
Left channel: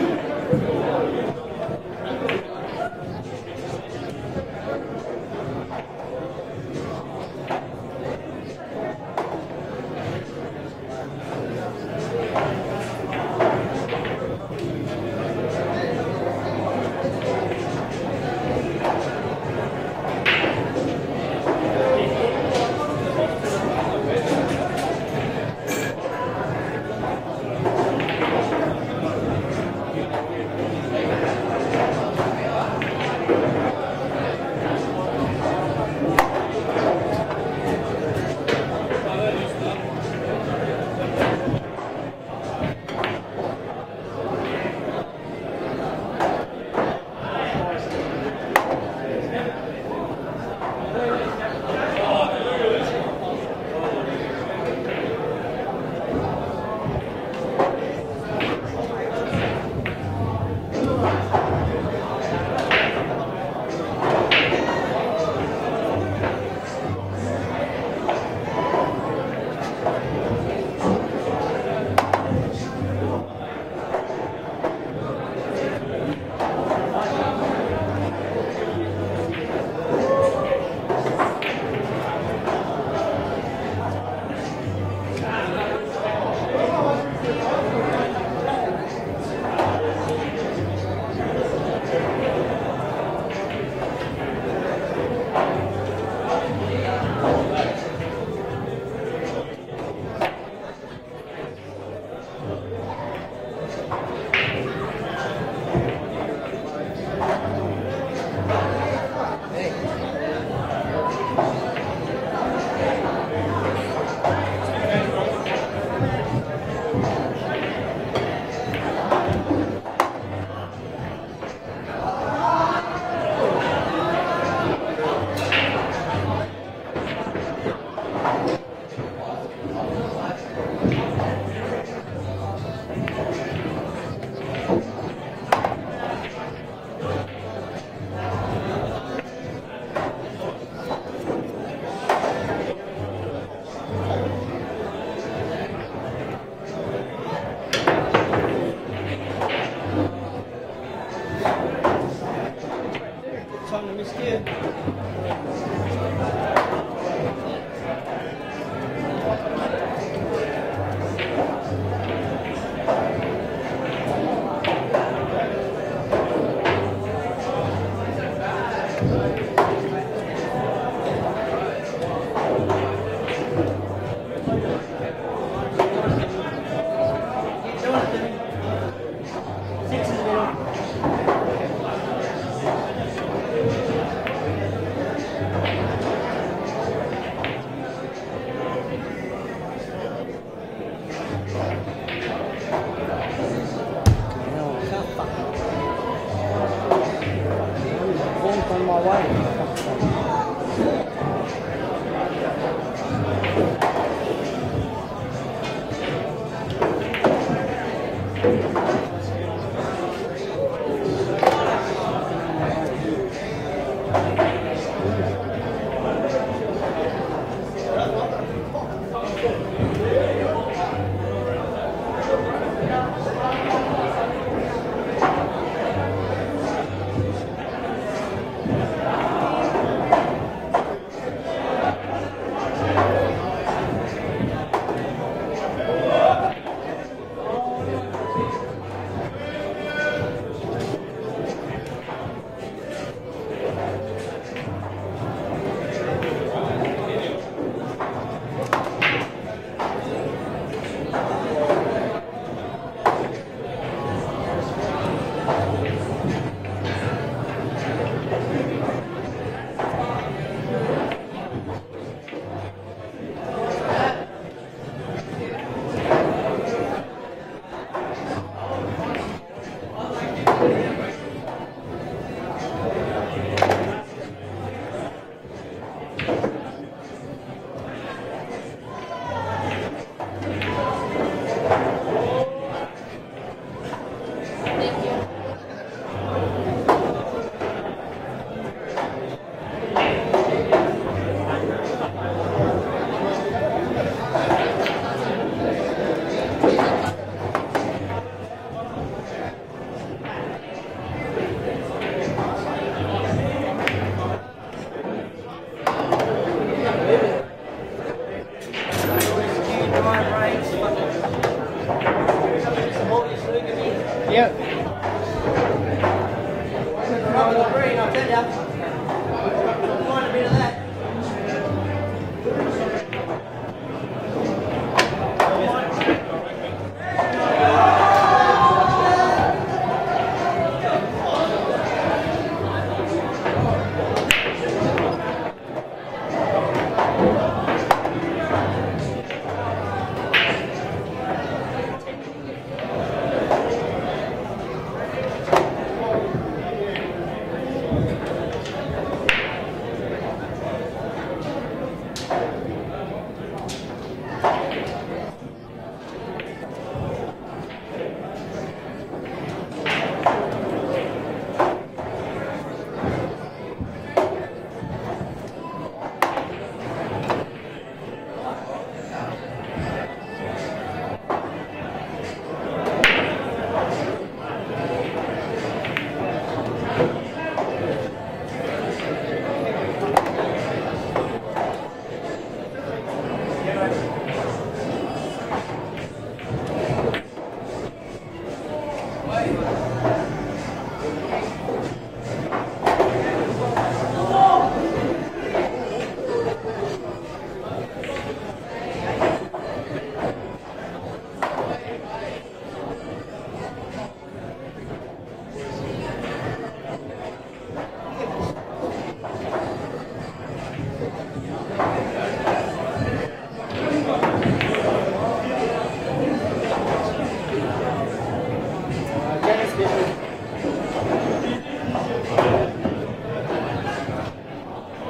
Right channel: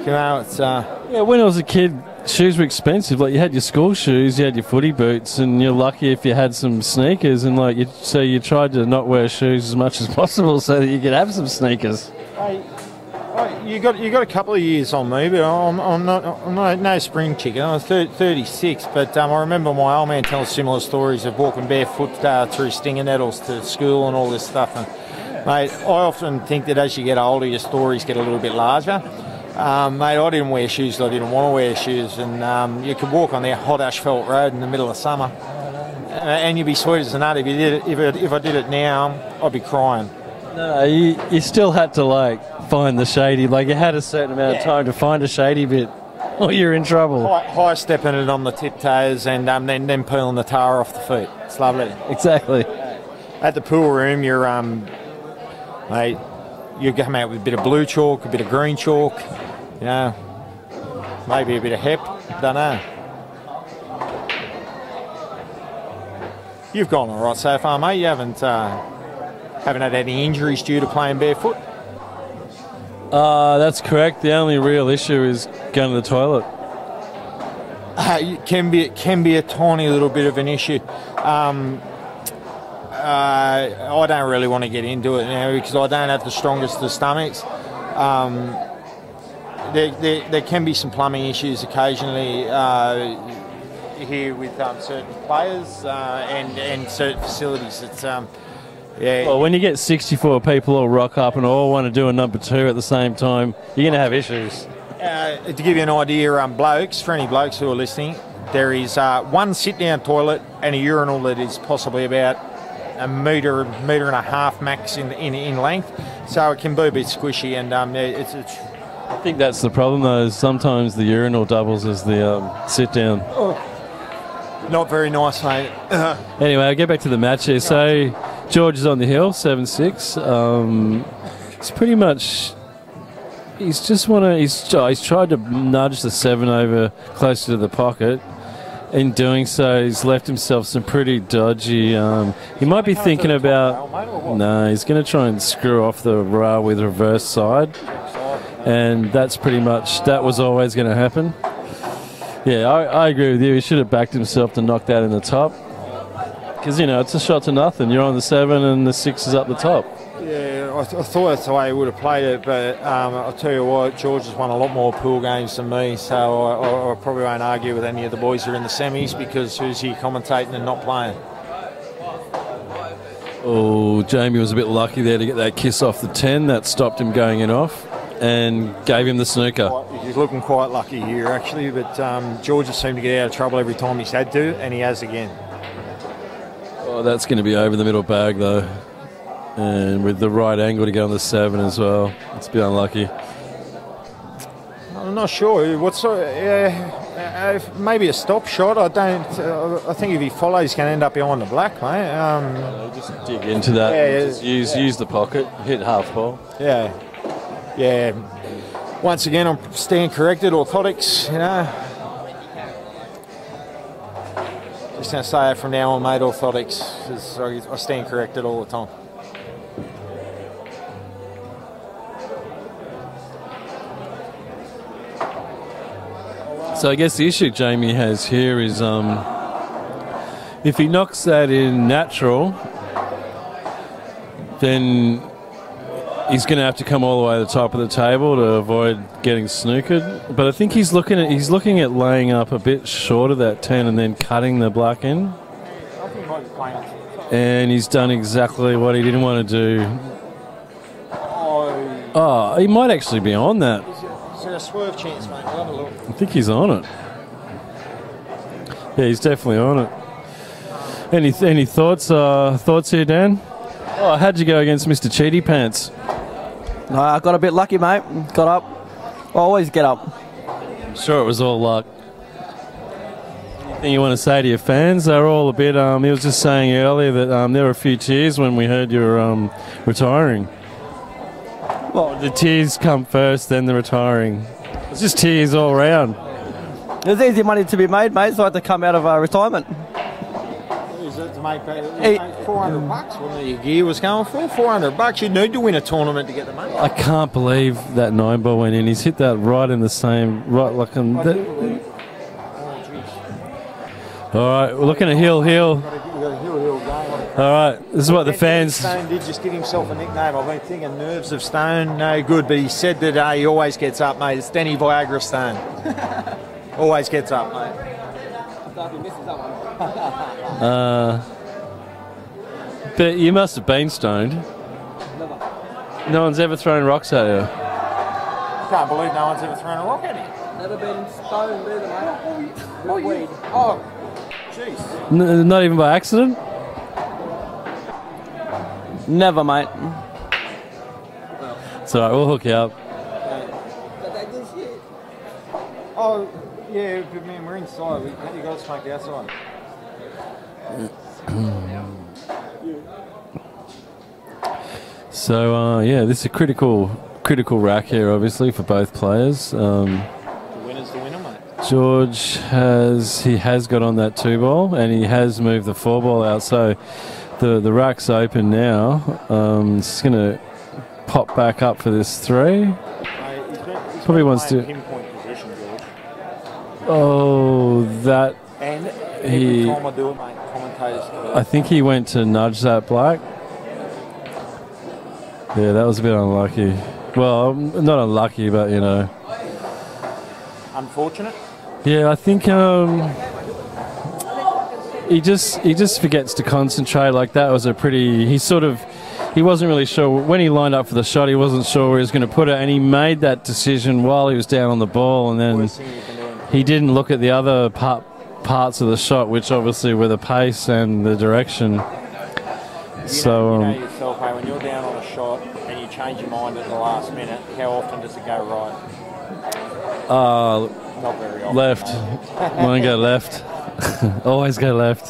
You know, it's... Yeah, when I was a kid, shoes were expensive. Like, you had your school shoes, you had your footy boots, and you're lucky if you had some sneakers, and so you tried to not wear shoes as much as possible so that you could have some sneakers. You got a couple of years on me, but I'm no spring chicken. I'm 36, but I remember my old man telling similar stories of walking barefoot through stinger nettles to school and all this stuff. Mate, I often think that as you get older, your stories get a little bit larger. Mate, I didn't wear shoes, I didn't want to wear shoes, and you could walk on that hot asphalt road in the middle of summer, and you'd be sweet as a nut. If I did it now, I'd be crying. You still had to, like, find the shady. Like, you had a certain amount of time to find a shady bit, or you're in trouble. High stepping it on the tiptoes and then peeling the tar off the feet. It's lovely. Exactly. At the pool room, mate, you come out with a bit of blue chalk, a bit of green chalk, maybe a bit of hep. Don't know. You've gone all right so far, mate. You haven't had any injuries due to playing barefoot? That's correct. The only real issue is going to the toilet. It can be a tiny little bit of an issue. I don't really want to get into it now because I don't have the strongest of stomachs. There can be some plumbing issues occasionally here with certain players and certain facilities. It's yeah. Well, when you get 64 people all rock up and all want to do a number 2 at the same time, you're going to have issues. To give you an idea, blokes, for any blokes who are listening, there is one sit-down toilet and a urinal that is possibly about a metre and a half max in length, so it can be a bit squishy, and I think that's the problem though, is sometimes the urinal doubles as the sit-down. Not very nice, mate. Anyway, I'll get back to the match here. So George is on the hill, 7-6. It's pretty much... He's tried to nudge the 7 over closer to the pocket. In doing so, he's left himself some pretty dodgy... he might be thinking about... No, he's going to try and screw off the rail with reverse side. And that's pretty much... That was always going to happen. Yeah, I agree with you. He should have backed himself to knock that in the top. Because, it's a shot to nothing. You're on the 7 and the 6 is up the top. Yeah, I thought that's the way he would have played it, but I'll tell you what, George has won a lot more pool games than me, so I probably won't argue with any of the boys who are in the semis because who's he commentating and not playing? Oh, Jamie was a bit lucky there to get that kiss off the 10. That stopped him going in off and gave him the snooker. He's looking quite lucky here, actually, but George has seemed to get out of trouble every time he's had to, and he has again. Well, that's going to be over the middle bag, though. And with the right angle to go on the 7 as well. It's a bit unlucky. I'm not sure. What sort of... maybe a stop shot. I think if he follows, he's going to end up behind the black, mate. Dig into that. Yeah, use the pocket. Hit half ball. Yeah. Once again, I'm staying corrected. Orthotics. Just going to say that from now on, mate. Orthotics. I stand corrected all the time. So I guess the issue Jamie has here is if he knocks that in natural, then he's going to have to come all the way to the top of the table to avoid getting snookered. But I think he's looking at laying up a bit short of that 10 and then cutting the black in. And he's done exactly what he didn't want to do. Oh, he might actually be on that. I think he's on it. Yeah, he's definitely on it. Any thoughts here, Dan? Oh, how'd you go against Mr. Cheaty Pants? I got a bit lucky, mate. Got up. Always get up. Sure, it was all luck. Anything you want to say to your fans? They're all a bit. He was just saying earlier that there were a few tears when we heard you were retiring. Well, the tears come first, then the retiring. It's just tears all around. There's easy money to be made, mate, so I had to come out of retirement. Hey, $400 your gear was going for $400. You need to win a tournament. I can't believe that 9-ball went in. He's hit that right in the same, right like in the... All right, we're looking at heel. All right, this is what the fans... Just give himself a pat on it. Nerves of stone, no good, but he said that he always gets up, mate. It's Denny Viagra Stone. Always gets up. But you must have been stoned. No one's ever thrown rocks at you. Not even by accident? Never, mate. It's all right, we'll hook you up. So yeah, this is a critical rack here, obviously, for both players. George has got on that 2-ball and he has moved the 4-ball out, so the rack's open now. It's going to pop back up for this 3. Probably wants to. Oh, that I think he went to nudge that black. Yeah, that was a bit unlucky. Well, not unlucky, but you know. Unfortunate? Yeah, I think he just forgets to concentrate. Like that was a pretty. He wasn't really sure when he lined up for the shot. He wasn't sure where he was going to put it, and he made that decision while he was down on the ball, and then he didn't look at the other parts of the shot, which obviously were the pace and the direction. So. Left. Want to go left. Always go left.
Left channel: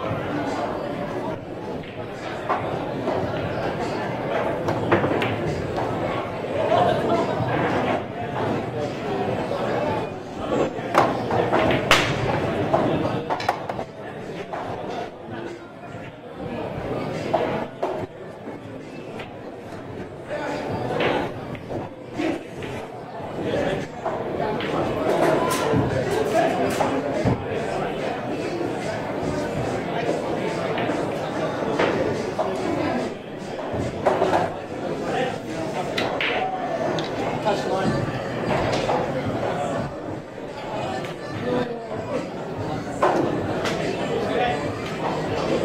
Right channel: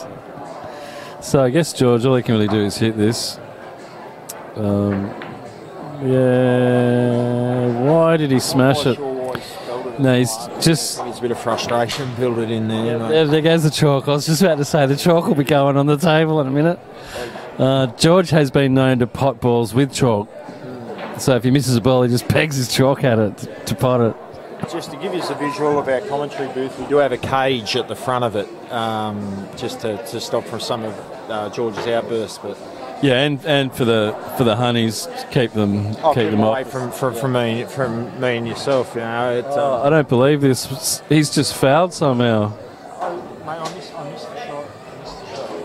So I guess George, all he can really do is hit this. Yeah. Why did he smash it? No, he's just... It's a bit of frustration. Build it in there. There goes the chalk. I was just about to say the chalk will be going on the table in a minute. George has been known to pot balls with chalk. So if he misses a ball, he just pegs his chalk at it to pot it. Just to give you some visual of our commentary booth, we do have a cage at the front of it, just to stop from something George's outburst. Yeah, and for the honeys, keep them away off. from me and yourself. You know, I don't believe this. He's just fouled somehow.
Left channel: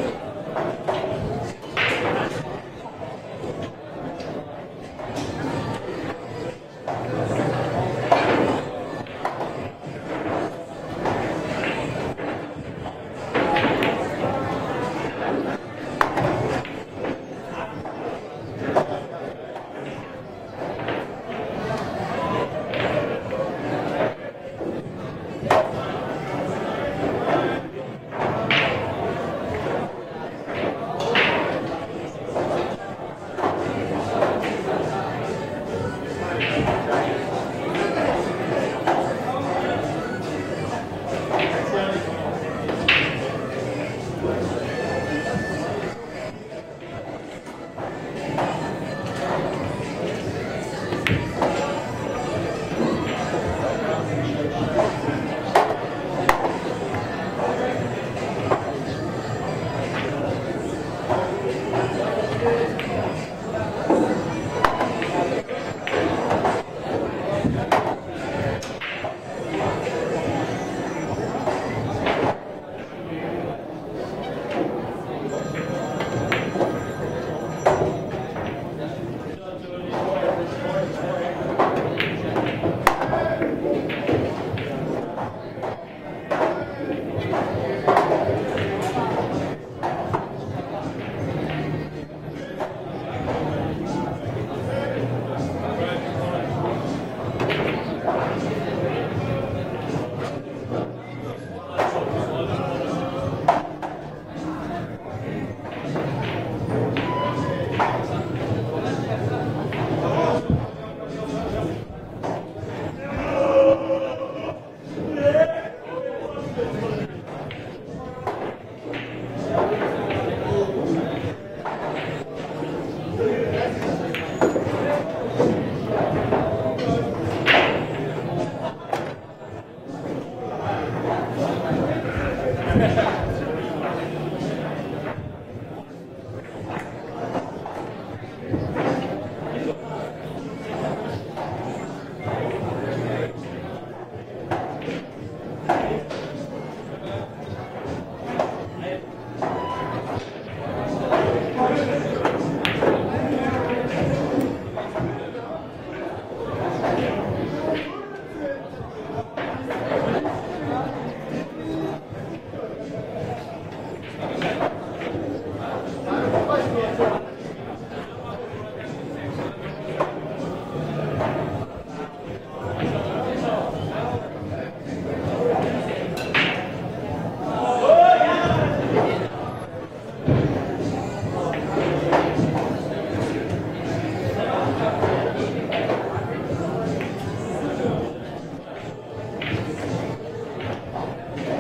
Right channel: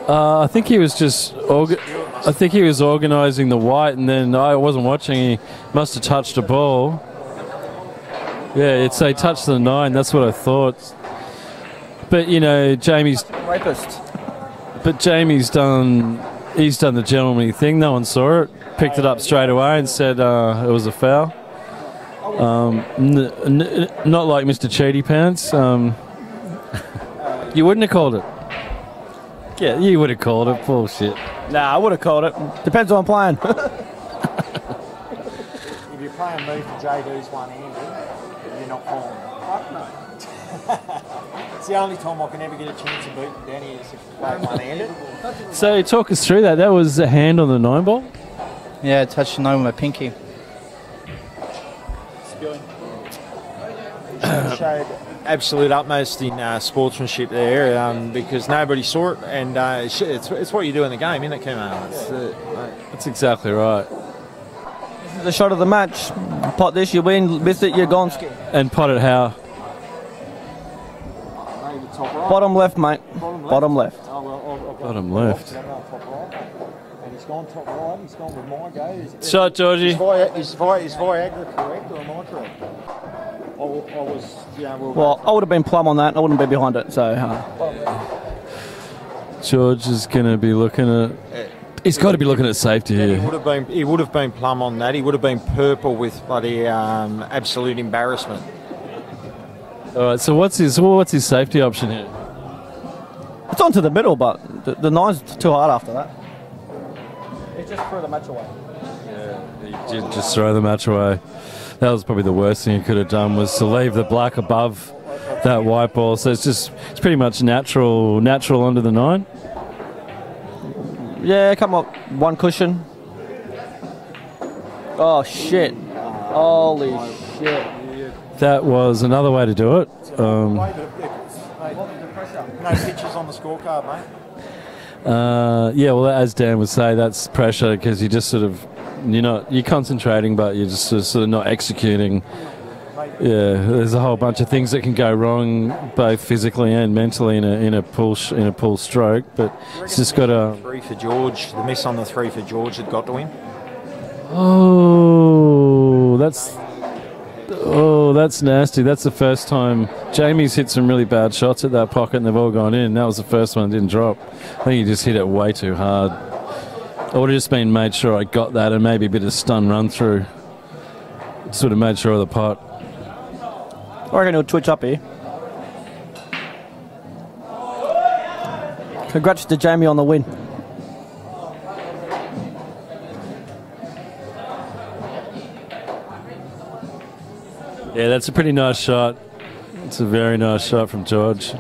I think he was just. I think he was organising the white, and then I wasn't watching. He must have touched a ball. Yeah, he touched the 9. That's what I thought. But you know, Jamie's done. He's done the gentlemanly thing. No one saw it. Picked it up straight away and said it was a foul. Not like Mr. Cheaty Pants. You wouldn't have called it. Yeah, you would have called it. Bullshit. Nah, I would have called it. Depends who I'm playing. So talk us through that. That was a hand on the 9-ball? Yeah, I touched the 9 with my pinky. absolute utmost in sportsmanship there because nobody saw it, and it's what you do in the game, isn't it, Kumo? That's exactly right. The shot of the match. Pot this, you win. Missed it, you're gone. And pot it how? Bottom left, mate. Bottom left. Bottom left. Shot, Georgie. He's fire. Well, I would have been plumb on that. I wouldn't be behind it, so... George is going to be looking at... He's got to be looking at safety here. He would have been plumb on that. He would have been purple with bloody absolute embarrassment. All right, so what's his safety option here? It's onto the middle, but the nine's too hard after that. Just throw the match away. That was probably the worst thing he could have done, was to leave the black above that white ball. So it's pretty much natural onto the 9. Yeah, come up. One cushion. Oh, shit. Holy shit. That was another way to do it. Yeah, well, as Dan would say, that's pressure because you just sort of, you're concentrating, but you're just sort of not executing. Yeah, there's a whole bunch of things that can go wrong, both physically and mentally in a pull stroke. But it's just got to. 3 for George. Miss on the 3 for George. He got the win. That's nasty. That's the first time Jamie's hit some really bad shots at that pocket, and they've all gone in. That was the first one that didn't drop. I think he just hit it way too hard. I would have just made sure I got that and maybe a bit of stun run through. Sort of made sure of the pot. I reckon he'll twitch up here. Congrats to Jamie on the win. Yeah, that's a pretty nice shot. It's a very nice shot from George.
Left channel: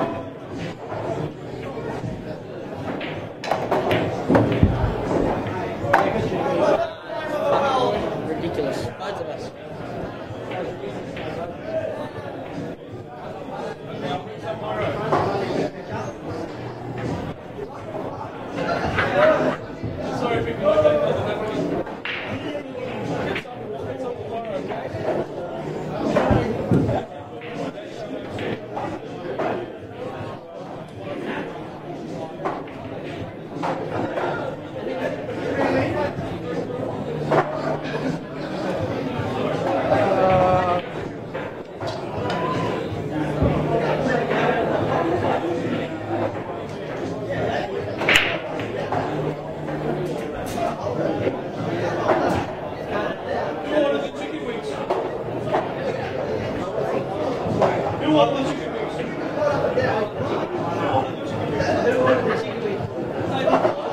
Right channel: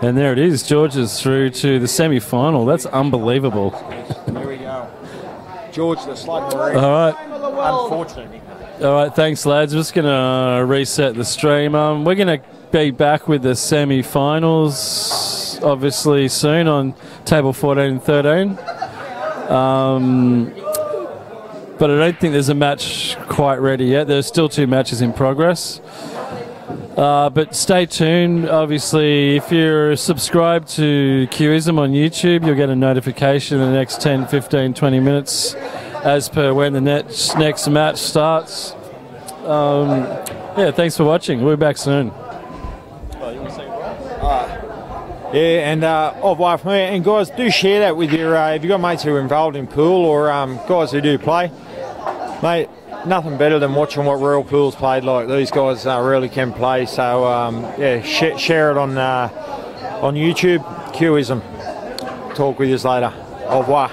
And there it is. George is through to the semi-final. That's unbelievable. George is like... All right, thanks, lads. We're just going to reset the stream. We're going to be back with the semi-finals, obviously, soon on table 14 and 13. But I don't think there's a match quite ready yet. There's still 2 matches in progress. But stay tuned. Obviously, if you're subscribed to Qism on YouTube, you'll get a notification in the next 10, 15, 20 minutes as per when the next match starts. Yeah, thanks for watching. We'll be back soon. Yeah, and and guys, do share that with your, if you've got mates who are involved in pool or guys who do play. Mate, nothing better than watching what real pool's played like. These guys really can play, so yeah, share it on YouTube, Qism. Talk with you later. Au revoir.